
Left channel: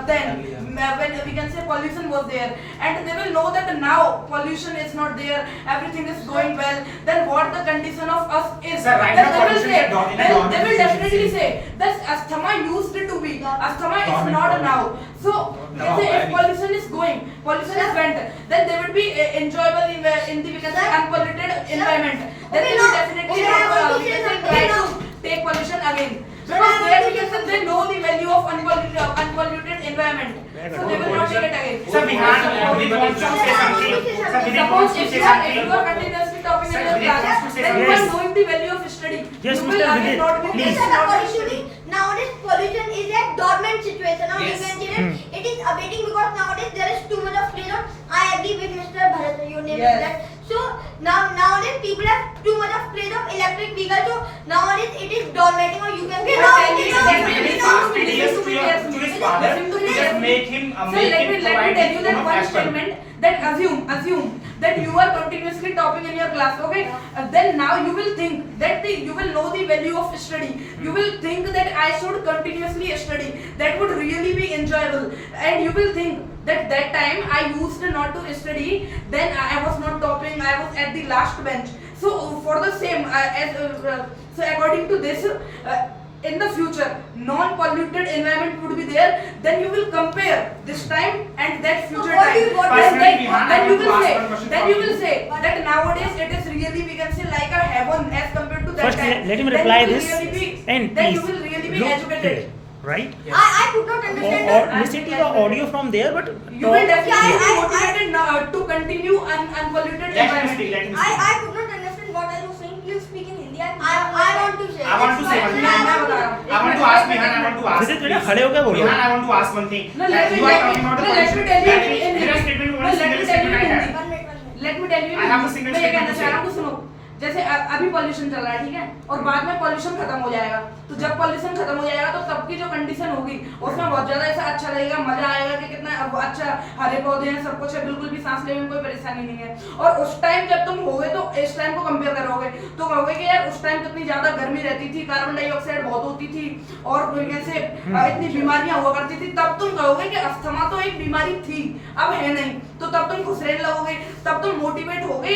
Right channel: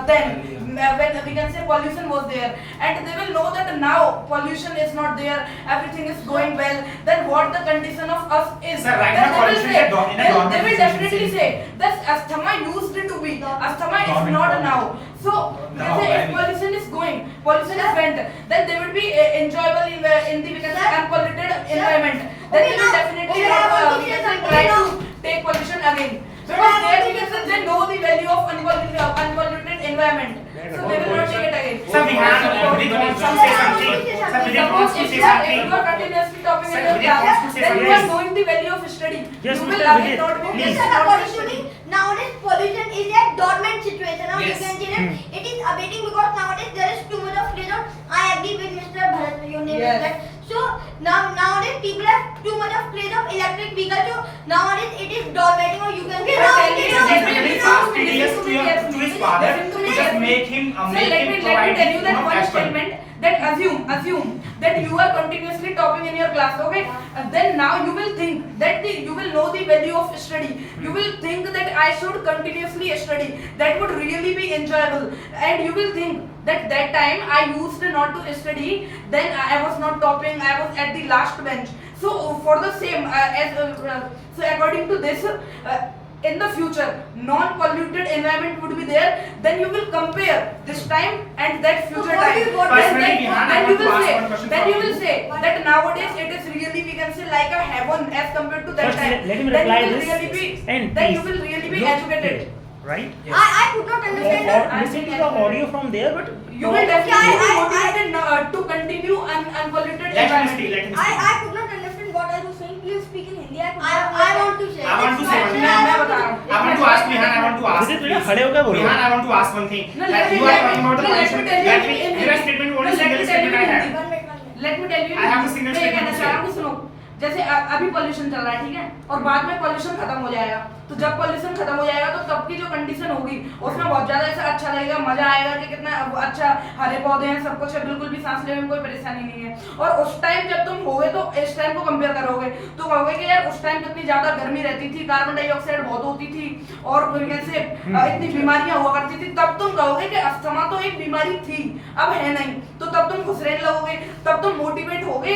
then when we can say pollution was there, and they will know that now pollution is not there, everything is going well, then what the condition of us is. Sir, right then now they will pollution say, is in a they government will definitely efficiency. say that asthma used to be, asthma is Government not problem. now. So we can say if pollution is going, pollution is went, then they will be enjoyable in the we can say unpolluted environment. Then they will definitely not we can say try to take pollution again. Because there we can say they know the value of unpolluted environment. So they will not take it again. Sir, we want to say something. Sir, we want to If say you are something. continuously talking Sir, in your Vivek wants class, to say then you something. are knowing the value of study. Yes, You Mr. will again Vivek, not be please. Yes, sir, according to me, nowadays pollution is a dormant situation. Now Yes. you can see that it is abating because nowadays there is too much of freedom. I agree with Mr. Bharat. You named Yes. that. So nowadays people have too much of craze of electric vehicles. So nowadays it is dormant, or you can say But now tell it me, is He's listen becoming to fast me, tedious listen to me, to his father listen to to me. just make him So let me provide tell you that him one apple. statement, that assume that you are continuously topping in your class, okay? Then now you will think that you will know the value of study. You will think that I should continuously study. That would really be enjoyable, and you will think that time I used not to study. Then I was not topping. I was at the last bench. So for the same so according to this. In the future, non-polluted environment would be there. Then you will compare this time and that future what time. is- what Then- is- then- Personally, Vihan, I then you want to will ask say, one question then from you will you. say that nowadays it is really we can say like a heaven as compared to that First, time. let him Then reply you will this really be, and then you please will really be look educated. here, right? I could not understand Or that. listen to the audio from there, but You will definitely be I- motivated to continue unpolluted Let him environment. speak. Let him I speak. could not understand what are you saying. Please speak in Hindi. I I want to say. I want to say one thing. मैं बता रहा हूँ. I want to to ask Vihan, I want to ask. विजित बेटा खड़े होकर बोलो। Vihan, I want to ask one thing. No, Like, you are talking about the pollution. There are statement, one single statement I have. Let me tell you I have a single मैं ये statement कहना to चाह रहा हूँ say. कि सुनो, जैसे अभी पॉल्यूशन चल रहा है, ठीक है, और बाद में पॉल्यूशन खत्म हो जाएगा, तो जब पॉल्यूशन खत्म हो जाएगा तो तब की जो कंडीशन होगी उसमें बहुत ज्यादा ऐसा अच्छा लगेगा, मजा आएगा कि कितना अच्छा हरे पौधे हैं, सब कुछ है, बिल्कुल भी सांस लेने में कोई परेशानी नहीं है। और उस टाइम जब तुम होगे तो इस टाइम को कंपेयर करोगे तो कहोगे कि यार उस टाइम कितनी ज्यादा गर्मी रहती थी, कार्बन डाइऑक्साइड बहुत होती थी और जैसे इतनी बीमारियां हुआ करती थी, तब तुम कहोगे कि अस्थमा तो एक बीमारी थी, अब है नहीं, तो तब तुम खुश रहने लगोगे, तब तुम मोटिवेट होगे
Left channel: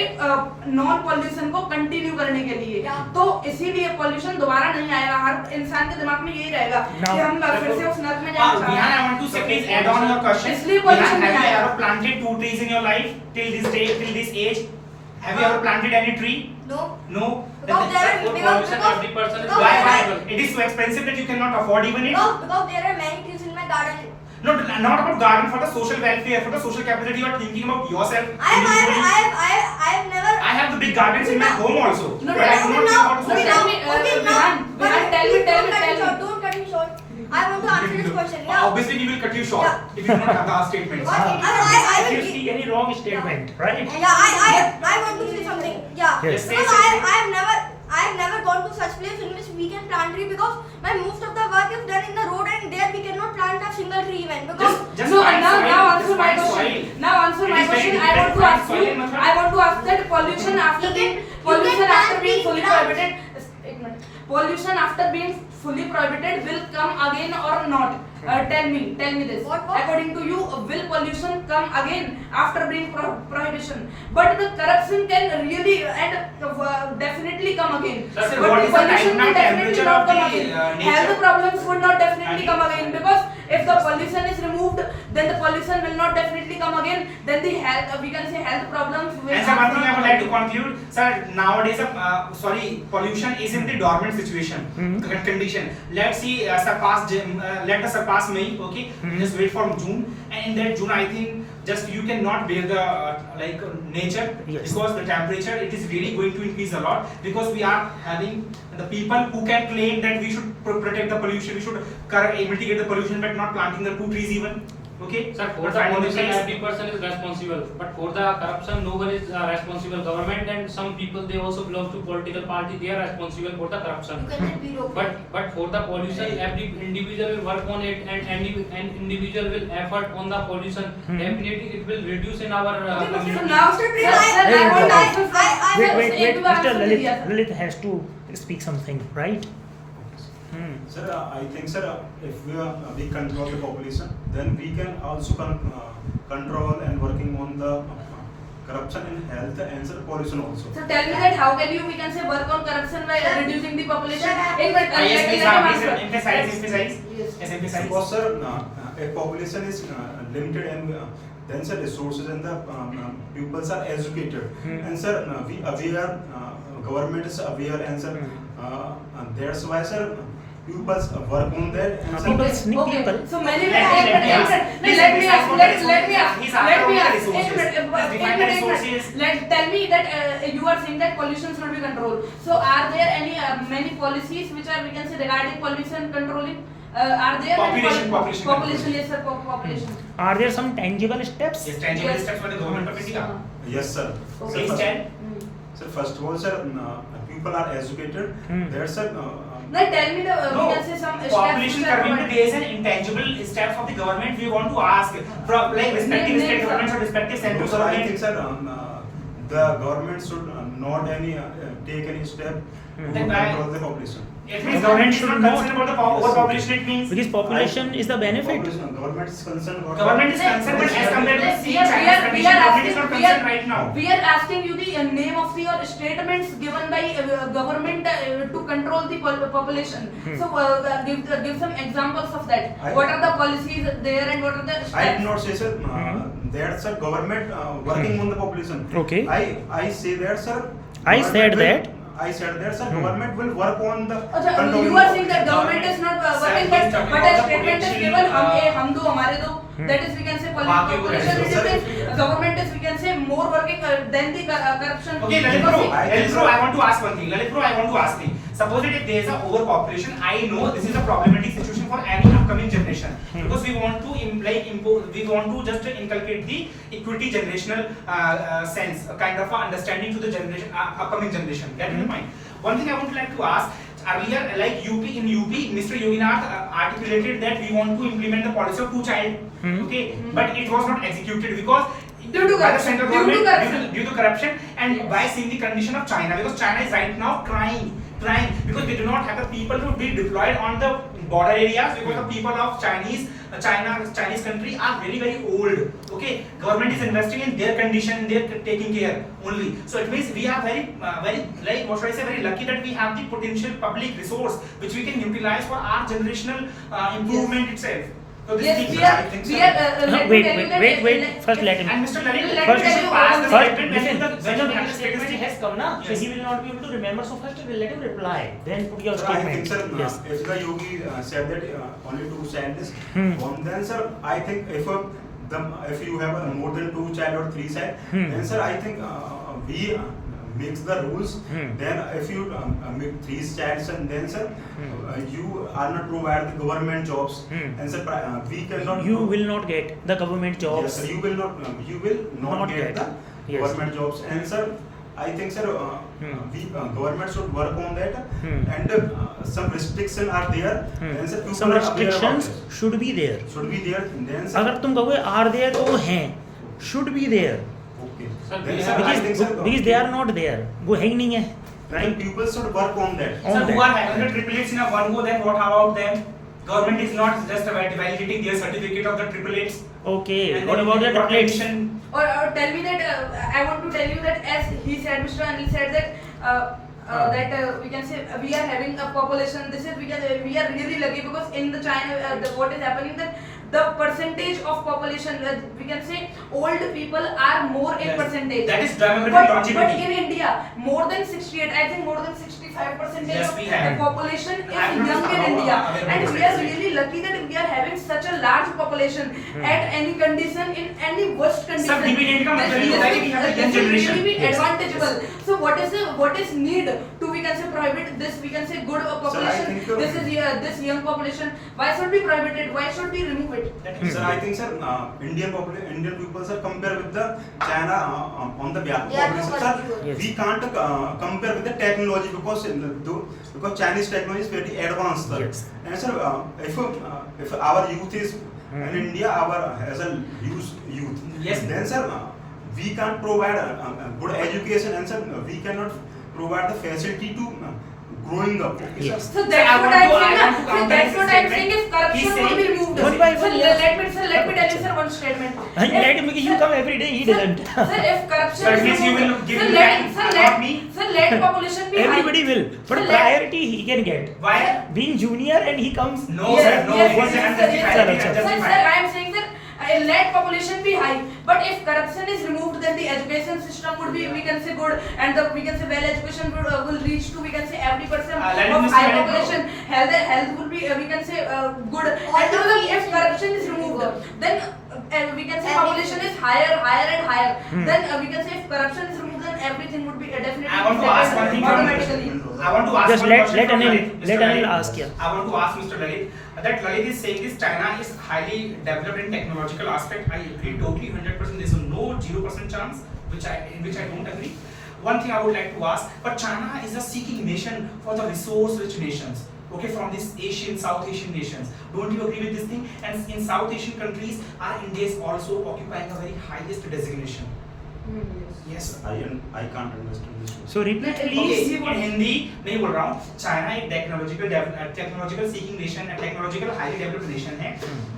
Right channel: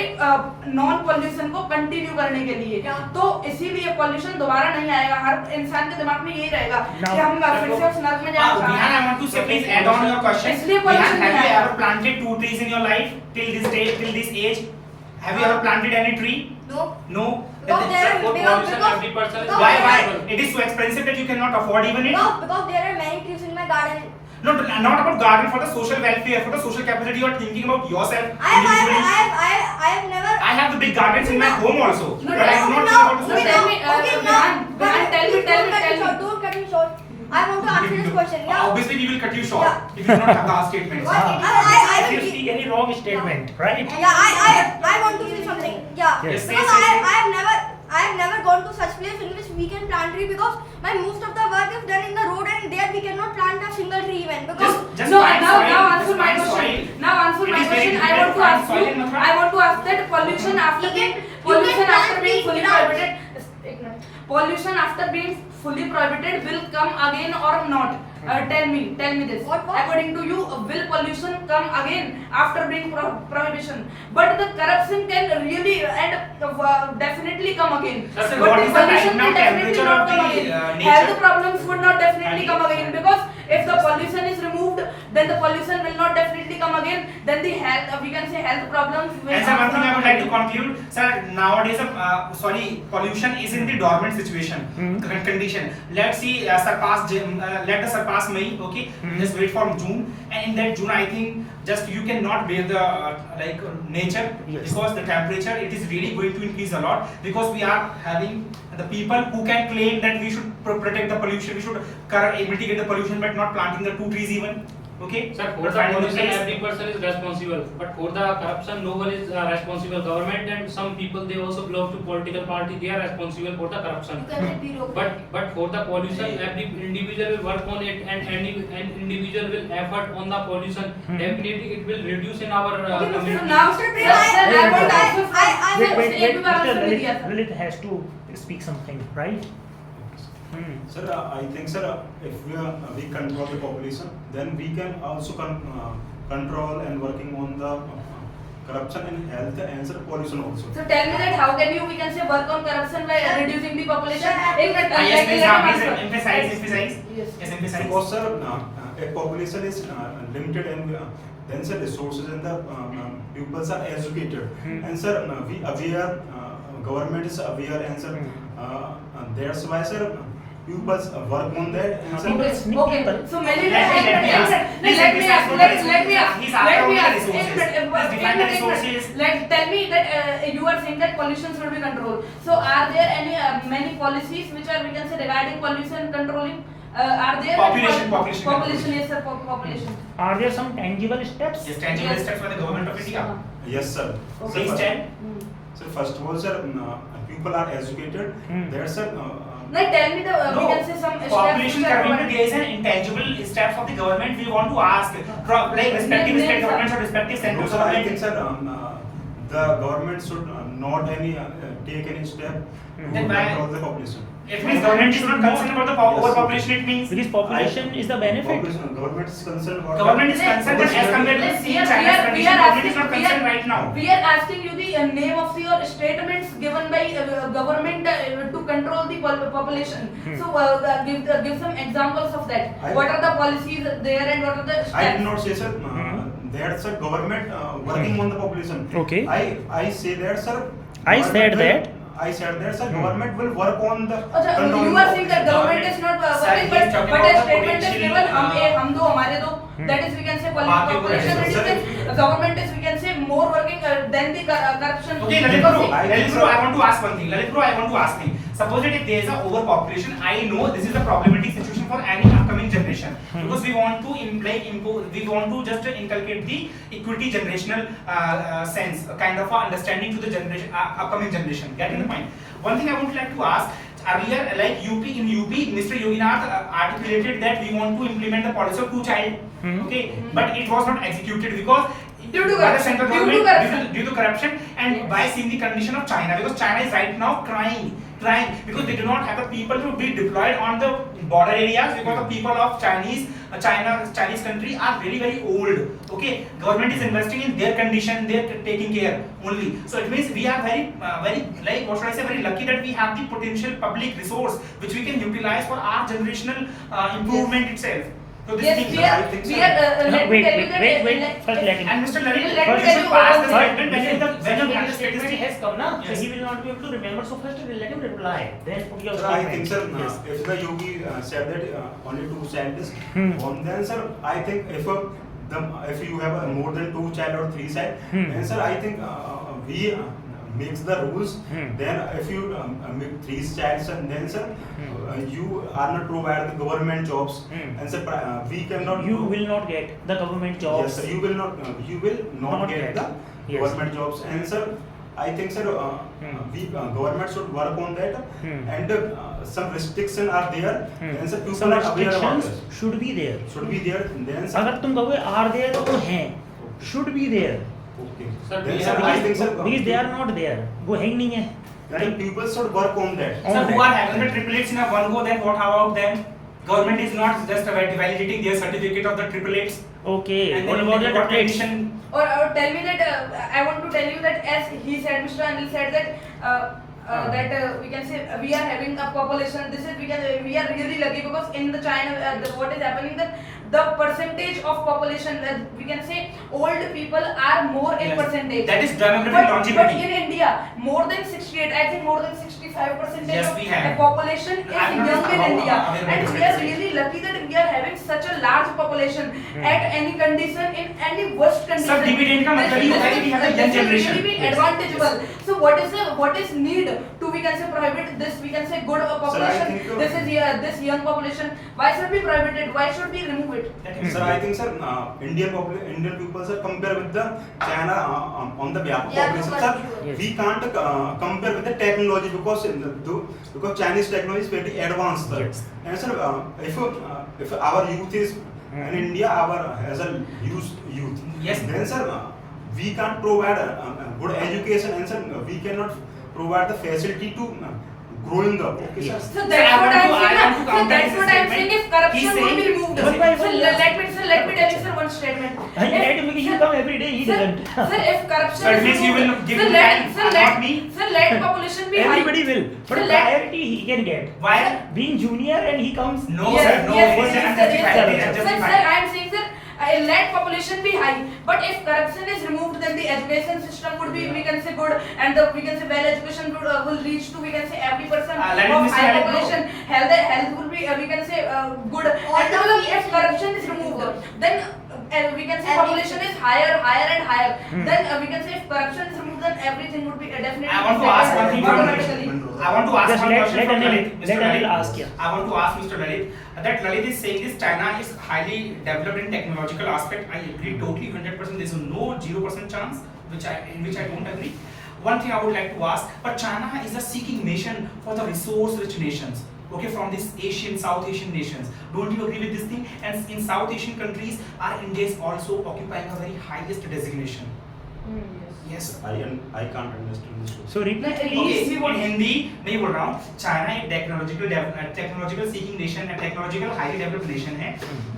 नॉन पॉल्यूशन को कंटिन्यू करने के लिए। तो इसीलिए पॉल्यूशन दोबारा नहीं आएगा, हर इंसान के दिमाग में यही रहेगा कि हम फिर से उस नर्क में जाना चाहते Vihan, I want to say, please add on your question. इसलिए Vihan, pollution have नहीं you आएगा। ever planted 2 trees in your life till this day, till this age? Have you ever planted any tree? No. No. Because there are For pollution, every person is Why? responsible. It is so expensive that you cannot afford even it. Because there are many trees in my garden. No, not about garden, for the social welfare, for the social capacity. You are thinking about yourself individually. I have never. I have the big gardens in my home also, No, but I do not think about the no, social. tell me, Vihan, tell me. Don't cut me short. I want to answer this question. Yeah. Obviously, we will cut you short if you do not have the statements. If you speak any wrong statement, right? Yeah, I want to say something. Yeah. Yes, Because say. I have never gone to such place in which we can plant tree because my most of the work is done in the road and there we cannot plant a single tree even because Just No, find now soil, answer just my find question. soil. Now answer It my is very question. I want to difficult to ask find soil in you. Mathura. I want to ask that pollution after being fully prohibited. एक minute. Pollution after being fully prohibited will come again or not? Tell me this. What? According to you, will pollution come again after being prohibition? But the corruption can really and definitely come again. Sir, But what the is the pollution right now will definitely temperature not of come the, again. nature? Health problems would not definitely come again because if the pollution is removed, then the pollution will not definitely come again. Then the health, we can say health problems will. And sir, one thing I would like to conclude, sir. Nowadays, pollution is in the dormant situation, condition. Let's see, let us surpass May. Okay, just wait for June, and in that June, I think just you cannot bear the nature because the temperature it is really going to increase a lot because we are having the people who can claim that we should protect the pollution, we should mitigate the pollution, but not planting the 2 trees even. Okay, Sir, for But the finding pollution, place- every person is responsible. But for the corruption, no one is responsible. Government and some people they also belong to political party. They are responsible for the corruption. But for the pollution, every individual will work on it, and any individual will effort on the pollution. Definitely, it will reduce in our So community. now, sir, I want to ask Wait. एक बार Mr. answer दिया, sir. Lalit has to speak something, right? Sir, I think, sir, if we control the population, then we can also control and working on the corruption in health and sir, pollution also. So tell me that how can you we can say work on corruption by reducing the population? एक minute Yes, please, let me please answer. emphasize. Yes. Yes, emphasize. Because sir, a population is limited and then sir, resources and the pupils are educated and sir, we aware, government is aware and sir, that's why sir, pupils work on that and sir, Okay. So many Let me ask. tell me that you are saying that pollution should be controlled. So are there any many policies which are we can say regarding pollution controlling? Are there population yes sir population. Are there some tangible steps? Yes, tangible Yes. steps by the government of India. yes sir. Okay. Sir, Please first- tell. Sir, first of all, sir, people are educated. That's sir. Like tell me the we can say some Population steps. curbing, there is an intangible steps of the government. We want to ask from respective state governments or respective No, central sir, I government. think sir, the government should not take any step to Then why- control the population. It means government is not concerned about the overpopulation. It means Because population is the benefit. Government is concerned about. government is concerned, but as compared to see China's condition, government is not concerned right now. We are asking you the name of your statements given by government to control the population. So give some examples of that. What are the policies there and what are the steps? I did not say sir. That's a government working on the population. Okay. I say that sir. I said government will- that. I said that sir. Government will work on the. अच्छा, controlling you are saying that population. government is not Sir, working, he's talking but a about the statement is potential, given हम दो हमारे दो. That is we can say बाकी population वो- reduction. Government is we can say more working than the corruption. Okay, Lalit bro, I Lalit think bro, so. I want to ask one thing. Lalit bro, I want to ask thing. suppose that if there is a overpopulation, I know this is a problematic situation for any upcoming generation, because we want to we want to just inculcate the equity generational sense, a kind of a understanding to the generation, upcoming generation. Getting the point? One thing I would like to ask, earlier, like in UP, Mr. Yoginath articulated that we want to implement the policy of two-child, okay, but it was not executed because Due to by the corruption. central Due to government, corruption. due to corruption, and by seeing the condition of China, because China is right now crying because they do not have the people to be deployed on the border areas, because the people of Chinese country are very old. Okay, government is investing in their condition, they're taking care only. So it means we are very like, what should I say, very lucky that we have the potential public resource which we can utilize for our generational improvement itself. So this Yes, thing, we I are. think We so. are. Let me Wait, tell you that. wait. First let him. And Mr. Lalit, Let me you tell should you pass one the thing. statement when you have the statistic has come now, so Yes. he will not be able to remember. So first we'll let him reply, then put your Sir, I think, statement. sir, Yes. if the yogi said that only two child is born, then sir, I think if you have more than two child or three child, then sir, I think we makes the rules. Then if you make three child, and then sir, you are not provide the government jobs, and sir, we cannot. You will not get the government jobs. Yes, sir, you will not get the Yes. government jobs, and sir, I think sir, we government should work on that, and some restriction are there, and sir, people Some are aware about restrictions this. should be there. Should be there, then sir. अगर तुम कहोगे are there तो वो हैं, should be there. Okay. Sir, Then we sir, have- I think sir, Because they are not there. वो है ही नहीं है. then people should work on that. Sir, who are having the triplets in a one go, then what about them? Government is not just validating their certificate of the triplets. Okay. And What then about the what triplets? condition? Or tell me that I want to tell you that, as he said, Mr. Anil said that we can say we are having a population. This is we are really lucky, because in the China, what is happening, that the percentage of population, we can say old people are more in Yes. percentage. That is demographic But longevity. in India, more than 68, I think more than 65% Yes, of we the have. population I'm is not young in aware India, about and we are this. really lucky that we are having such a large population at any condition, in any worst condition. Sir, dividend का मतलब ये होता है कि we have a young This will generation. really be Yes. advantageable. So what is need to, we can say, prohibit this, we can say, good population? think, This is this young population. Why should we prohibit it? Why should we remove it? Sir, I think sir, Indian people sir compare with the China on the population. Sir, Yes. we can't compare with the technology, because because Chinese technology is very advanced, sir. Yes. And sir, if our youth is in India, as a youth, Yes. then sir, we can't provide a good education, and sir, we cannot provide the facility to growing up. Okay, sir. Yes. So Sir, that's I what want I'm to- I saying. want to So counter that's his what I'm statement. saying. If He's corruption would be saying- removed. One by So one, let yes. me tell you, sir, one statement. I let him, because you come every day, he Sir, doesn't. sir, if corruption Sir, is means you will removed, give sir, me let, time, sir, not me. sir, let population be high. Everybody will. But Sir, let- priority he can get. Why? Being junior and he comes. No, Yes, sir, no. yes, Yes, yes, I'm sir, justified. yes, sir. I'm Sir, justified. I am saying, sir, let population be high, but if corruption is removed, then the education system would be, we can say, good, and the, we can say, well education will reach to, we can say, every person let of me say, high let it population. Health will be, we can say, good. And if corruption is removed, then we can say population is higher and higher. Then we can say if corruption is removed, then everything would be definitely I want to ask one thing from automatically. I want to ask Just one let question from Anil- Lalit. Mr. let Anil Lalit. ask, yeah. I want to ask Mr. Lalit that Lalit is saying this China is highly developed in technological aspect. I agree totally 100%. There's no 0% chance, in which I don't agree. One thing I would like to ask, but China is a seeking nation for the resource-rich nations. Okay, from these South Asian nations. Don't you agree with this thing? And in South Asian countries, our India is also occupying a very highest designation. Yes. I can't understand this. So repeat Okay, please. in Hindi नहीं बोल रहा हूँ. China एक technological seeking nation है, technological highly developed nation है,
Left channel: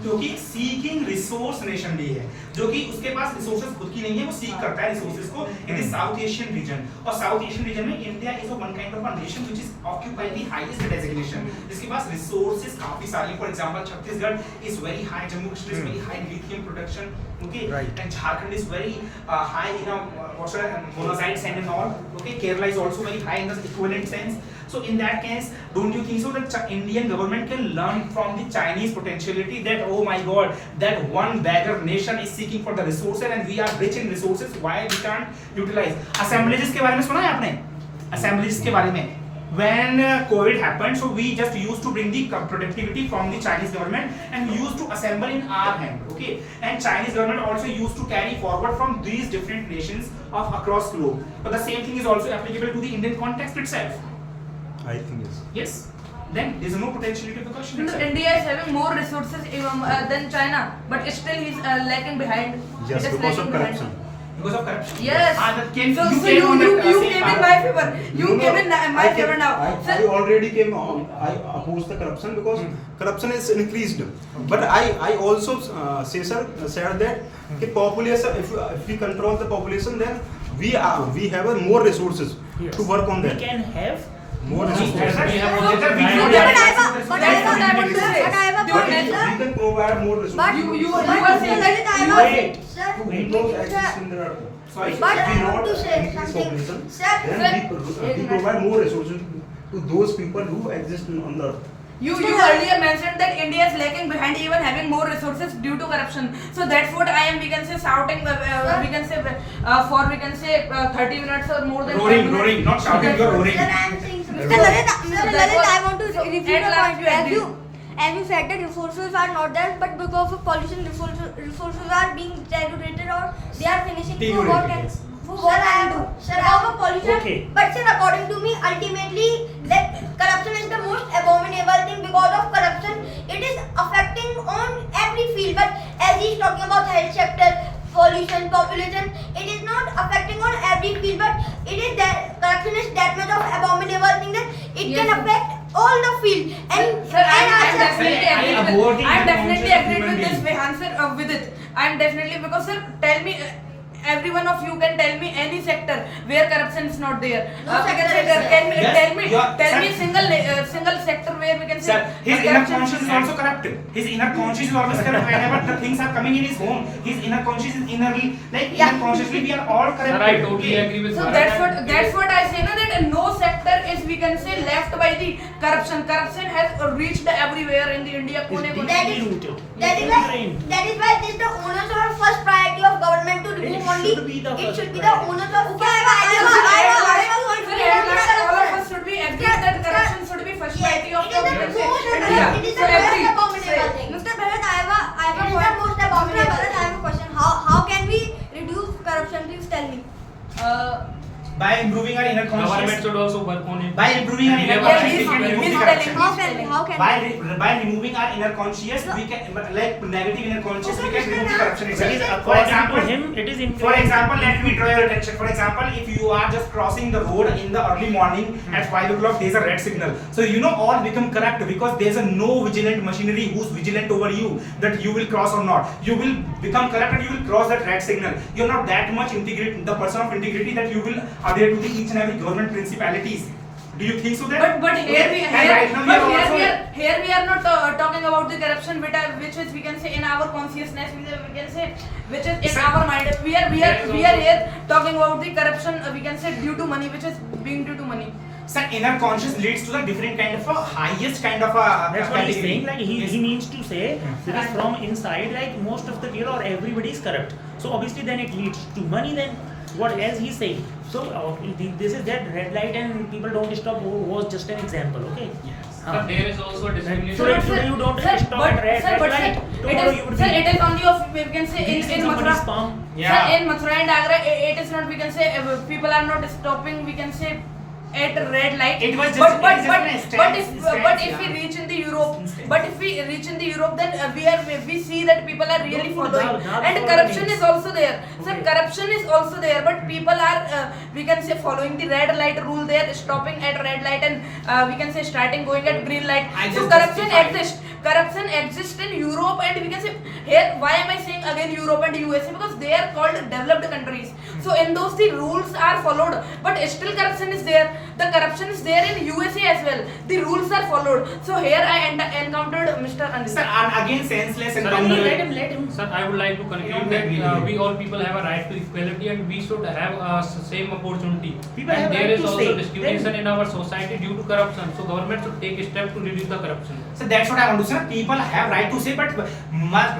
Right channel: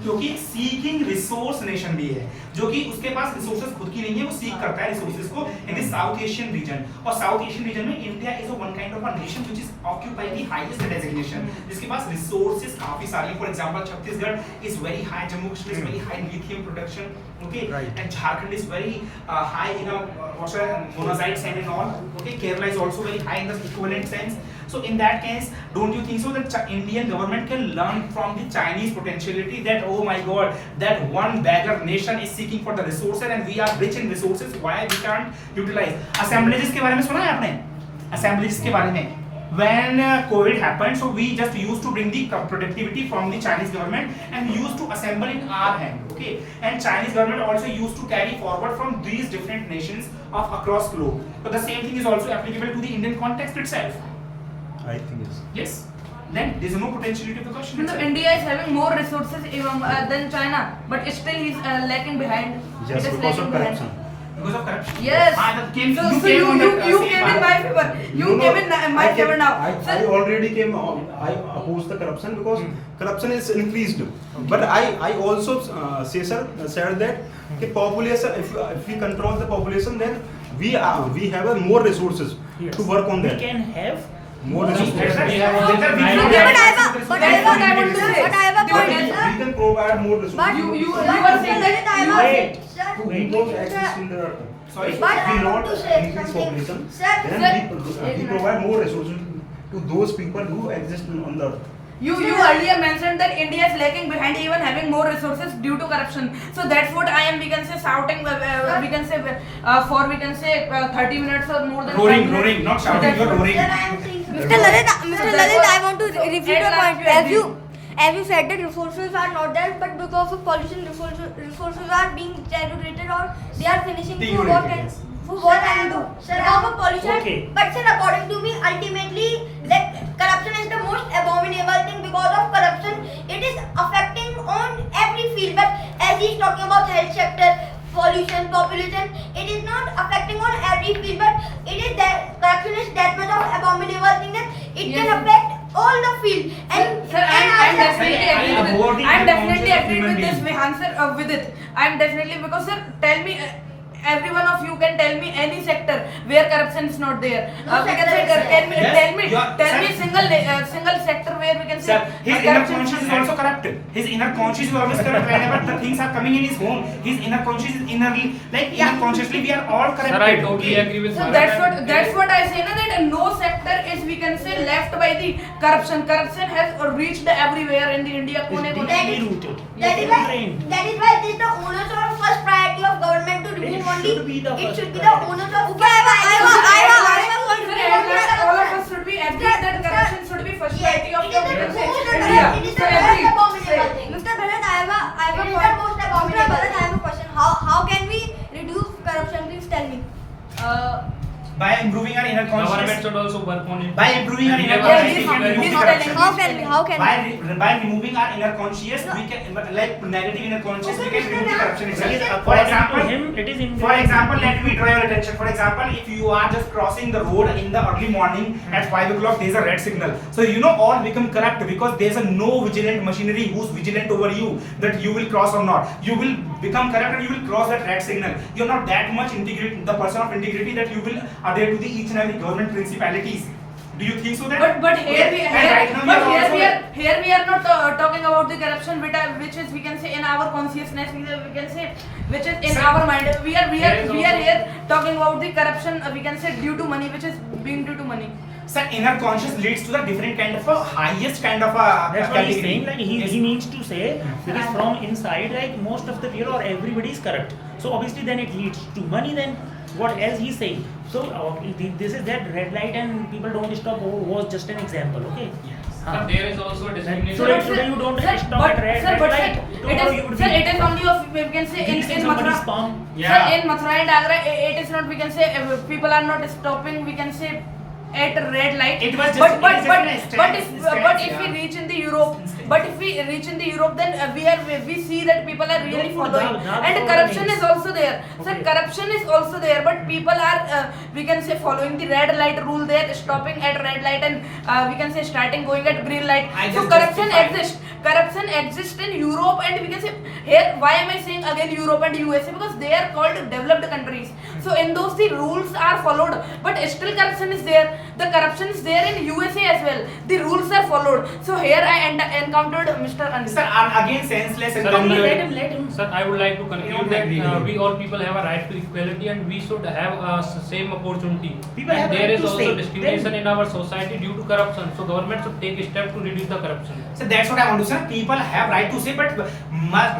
क्योंकि seeking resource nation भी है, जो कि उसके पास रिसोर्सेज खुद की नहीं है, वो सीक करता है रिसोर्सेज को in the south Asian region. और साउथ एशियन रीजन में India is one kind of a nation which is occupying the highest designation, जिसके पास रिसोर्सेज काफी सारी हैं. For example Chhattisgarh is very high, Jammu Kashmir is very high in lithium production, okay, Right. and Jharkhand is very high in monazite sand and all. Okay, Kerala is also very high in the equivalent sense. So in that case, don't you think so that Indian government can learn from the Chinese potentiality that, oh my God, that one beggar nation is seeking for the resources and we are rich in resources, why we can't utilize? Assemblages के बारे में सुना है आपने? Assemblages के बारे में when COVID happened, so we just used to bring the productivity from the Chinese government and we used to assemble in our hand, okay? And Chinese government also used to carry forward from these different nations of across globe. But the same thing is also applicable to the Indian context itself. I think yes. Yes. Then there is no potentiality of the question. So itself. India is having more resources than China, but still he's lacking behind. Just It is because of lacking behind. corruption. Because of corruption. Yes. That came, So you you came on that, you same came in path. my favor. You No, came in my I favor now. I already came on. I oppose the corruption because corruption is increased. But I also said that the population, if we control the population, then we have more resources Yes. to work on We that. can have More That's resources. right. We have That's also right. We tried know to- that. But That's what I want to say. But I have a Dude, point, that's- sir. We can provide more resources. But You but were Mr. saying Lalit, I Wait. Sir, We don't exist in the earth. Sorry. But If we I want not to say increase something. population, Sir, then we provide more resources to those people who exist on the earth. You earlier mentioned that India is lagging behind even having more resources due to corruption. So that's what I am, we can say, shouting, we can say, for we can say 30 minutes or more than 5 Roaring, minutes. roaring, not shouting, you're roaring. Sir, I am saying something. Mr. Lalit, So Mr. that Lalit, was- I want to so refute at your last point. you agree. As you said that resources are not there, but because of pollution, resources are being deteriorated or they are finishing for what Deteriorated, can yes. for what can do. Because of pollution. Okay. But sir, according to me, ultimately, that corruption is the most abominable thing. Because of corruption, it is affecting on every field. But as he is talking about health sector, pollution, population, it is not affecting on every field. But it is that corruption is that much of abominable thing that it Yes. can affect all the field. Sir, I'm also- definitely I agreed abhor with, the I'm definitely unconscious agreed human with this being. answer with it. I'm definitely, because sir, tell me, every one of you can tell me any sector where corruption is not there. No We can sector say, is there. tell me, Yes, tell me, you are- tell sir. me single sector where we can say. Sir, his inner corruption conscience is not- also corrupted. His inner conscience is always corrupt. Whenever the things are coming in his home, his inner conscience is innerly, like inner consciously, we are all corrupted. Sir, I totally Okay. agree with So Bharat. that's what I say, na, that no sector is, we can say, left by the corruption. Corruption has reached everywhere in the India. It's Kone kone. That deeply is- rooted. That is It's why ingrained. this is the onus or first priority of government to remove It only. should be the It first should be the priority. onus of. Okay, I have a point for you. All of us should be agree that corruption should be first priority of It is the the most India. it is So the most agree. abominable thing. Mr. Bharat, I have a It is point. the most Mr. abominable Bharat, I have a question. How can we reduce corruption? Please tell me. By improving our inner Government conscience, should also work on it. by improving our inner Yeah, conscience, he's- we can remove he's the telling corruption. me. How can By removing our inner conscience, we can, like negative inner conscience, we can remove the corruption Because itself. For according to example, him, it is For example, let me draw your attention. For example, if you are just crossing the road in the early morning at 5 o'clock, there is a red signal. So you know all become corrupt because there is a no vigilant machinery who's vigilant over you that you will cross or not. You will become corrupt and you will cross that red signal. You're not that much integrity, the person of integrity that you will adhere to the each and every government principalities. Do you think so that? But here Okay, we and right now we are also- here we are not talking about the corruption which is, we can say, in our consciousness, we can say, which is in Sir, our mind. We are there is here talking about the corruption, we can say, due to money, which is being due to money. Sir, inner conscious leads to the different kind of a highest kind of a That's what he's category. saying. Like Yes. he means to say, because from inside, like most of the people or everybody is corrupt. So obviously, then it leads to money. Then what else he's saying? So this is that red light and people don't stop was just an example. Okay. But there is also a discrimination. So But today you don't sir, stop but at red sir, but light. sir, Tomorrow you would sir, be it is only of, we can say, in somebody's Mathura. palm. Yeah. Sir, in Mathura and Agra, it is not, we can say, people are not stopping, we can say, at red light. It was just- but it was just an instance, but if yeah. we reach in the Europe, Instance. but if we reach in the Europe, then we see that people are really Don't put following, dal and for corruption the names. is also there. Sir, Okay. corruption is also there, but people are, we can say, following the red light rule. They are stopping at red light and we can say starting going at green light. I So just corruption justified. exists. Corruption exists in Europe, and we can say here. Why am I saying again Europe and USA? Because they are called developed countries. So in those the rules are followed, but still corruption is there. The corruption is there in USA as well. The rules are followed. So here I encountered Mr. Anil. Sir, and again senseless Sir, encounter. let him. Sir, I would like to conclude that we all people have a right to equality and we should have same opportunity. People have and there right is to also say. discrimination in our society due to corruption. So government should take a step to reduce the corruption. So that's what I want to say. People have right to say, but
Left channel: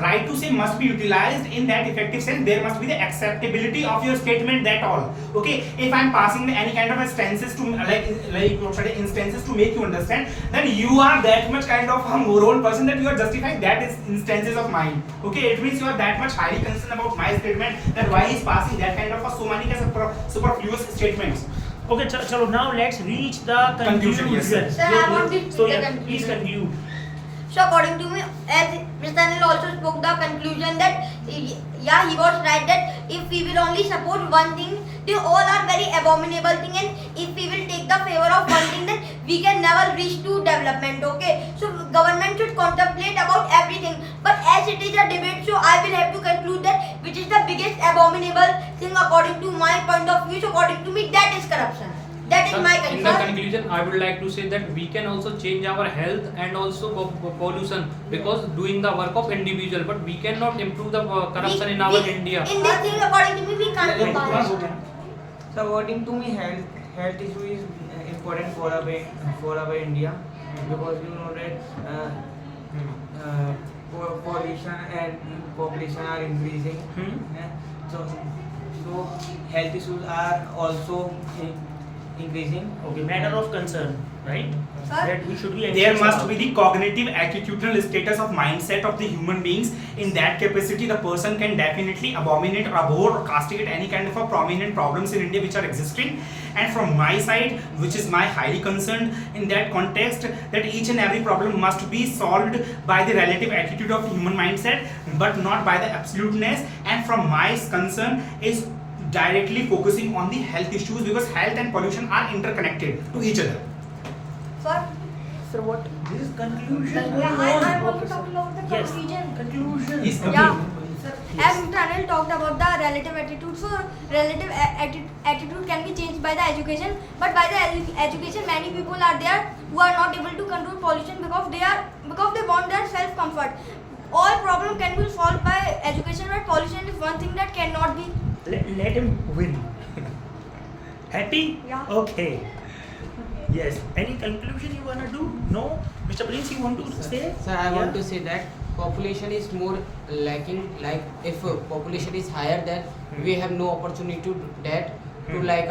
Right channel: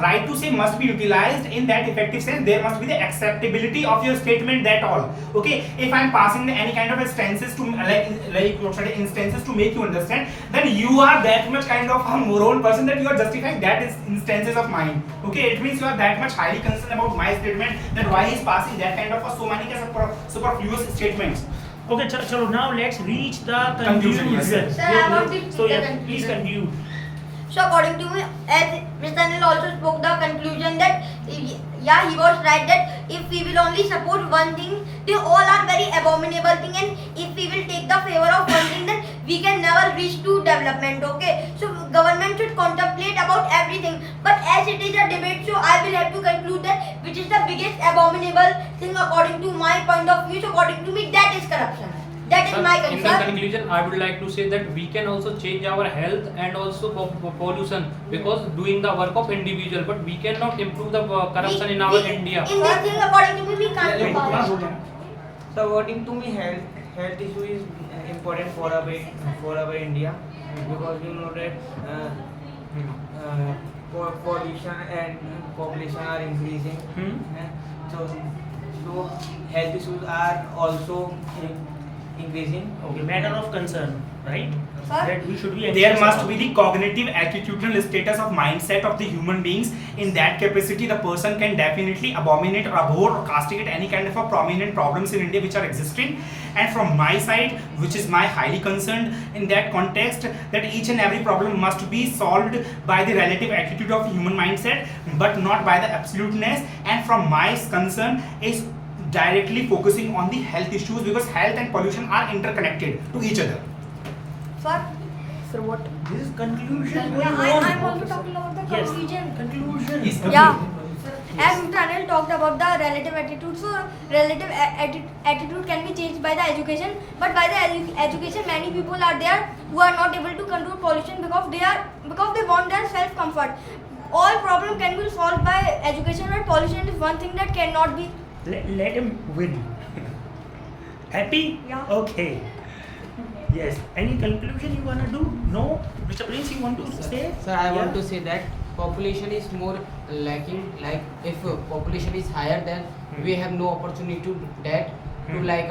right to say must be utilized in that effective sense. There must be the acceptability of your statement. That all. Okay. If I'm passing any kind of instances to like what should I, instances to make you understand, then you are that much kind of a moron person that you are justifying that is instances of mine. Okay. It means you are that much highly concerned about my statement. That why he's passing that kind of a so many superfluous statements. Okay, chalo, now let's reach the Conclusion, yes, sir. Sir, I want to So the yeah, conclusion. please conclude. So according to me, as Mr. Anil also spoke the conclusion that yeah, he was right that if we will only support one thing, they all are very abominable thing, and if we will take the favor of one thing, then we can never reach to development. Okay, so government should contemplate about everything. But as it is a debate, so I will have to conclude that which is the biggest abominable thing according to my point of view. So according to me, that is corruption. That is Sir, my in the concern. conclusion, I would like to say that we can also change our health and also pollution because doing the work of individual, but we cannot improve the corruption in our India. In this thing, according to me, we can't do power. So according to me, health issue is important for our India because you know that pollution and population are increasing. So health issues are also increasing. Okay, matter of concern, right? Sir? That we should be. There anxious must about. be the cognitive attitudinal status of mindset of the human beings. In that capacity, the person can definitely abominate or abhor or castigate any kind of a prominent problems in India which are existing. And from my side, which is my highly concerned in that context, that each and every problem must be solved by the relative attitude of human mindset, but not by the absoluteness. And from my concern is directly focusing on the health issues because health and pollution are interconnected to each other. Sir? Sir, what? This is conclusion going I on. want to talk about the Yes, conclusion. conclusion. Yes. Yeah. As Mr. Anil talked about the relative attitude, so relative attitude can be changed by the education, but by the education many people are there who are not able to control pollution because they want their self comfort. All problem can be solved by education, but pollution is one thing that cannot be. Let him win. Happy? Yeah. Okay. Yes. Any conclusion you wanna do? No? Mr. Prince, you want to say? Sir, I want Yeah? to say that population is more lacking. Like if population is higher, then we have no opportunity to do that to like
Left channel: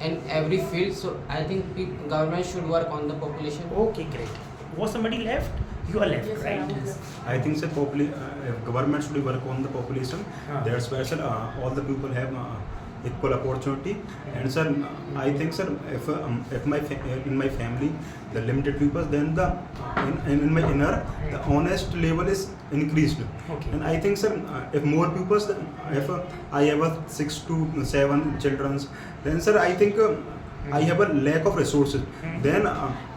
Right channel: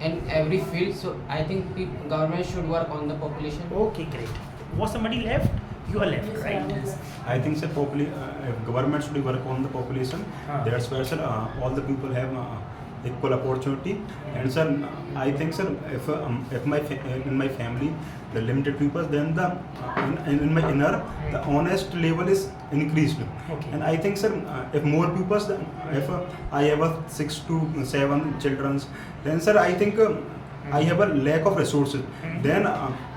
in every field. So I think government should work on the population. Okay, great. Was somebody left? You are left, right? I think sir, government should work on the population. That's where sir, all the people have equal opportunity. And sir, I think sir, if in my family the limited people, then the in my inner the honest level is increased. Okay. And I think sir, if more people, if I have 6 to 7 children, then sir, I think I have a lack of resources. Then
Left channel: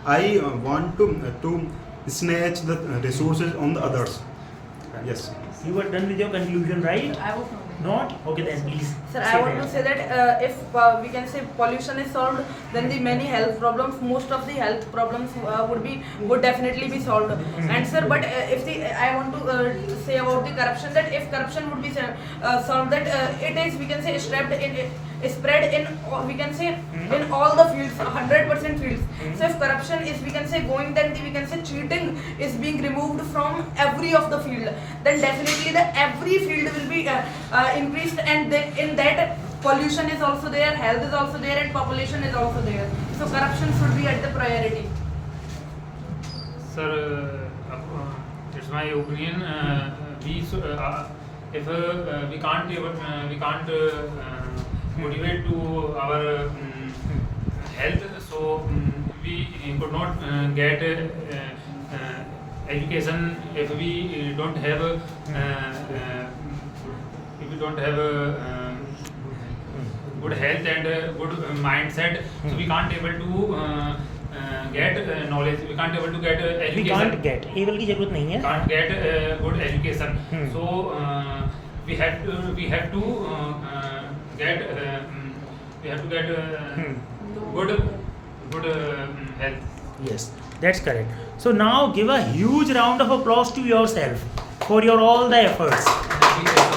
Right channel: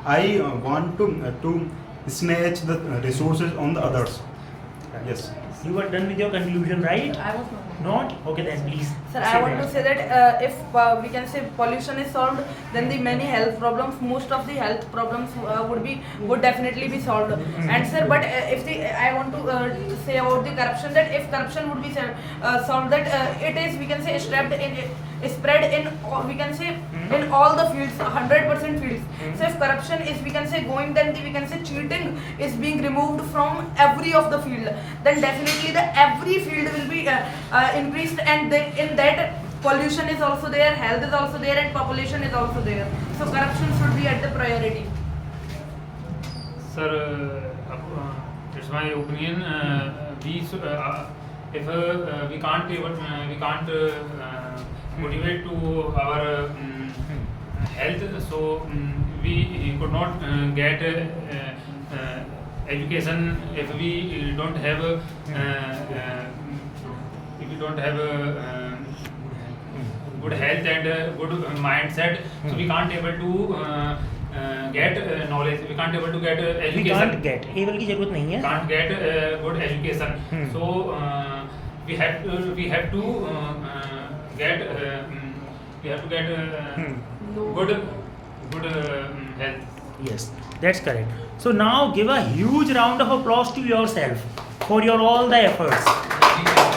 I want to snatch the resources on the others. Yes. You were done with your conclusion, right? I was not. Not? Okay, then please. Sir, I want to say that if we can say pollution is solved, then the many health problems, most of the health problems would definitely be solved. And sir, but if I want to say about the corruption, that if corruption would be solved, that it is, we can say, spread in we can say in all the fields, 100% fields. So if corruption is, we can say, going, then we can say cheating is being removed from every of the field, then definitely the every field will be increased, and in that pollution is also there, health is also there, and population is also there. So corruption should be at the priority. Sir, it's my opinion. If we can't motivate to our health, so we could not get education if we don't have good health and good mindset. So we can't able to get knowledge. We can't able to get education. We can't get. able की जरूरत नहीं है. Can't get good education. So we have to get good health. Yes, that's correct. So now give a huge round of applause to yourself for your all the efforts.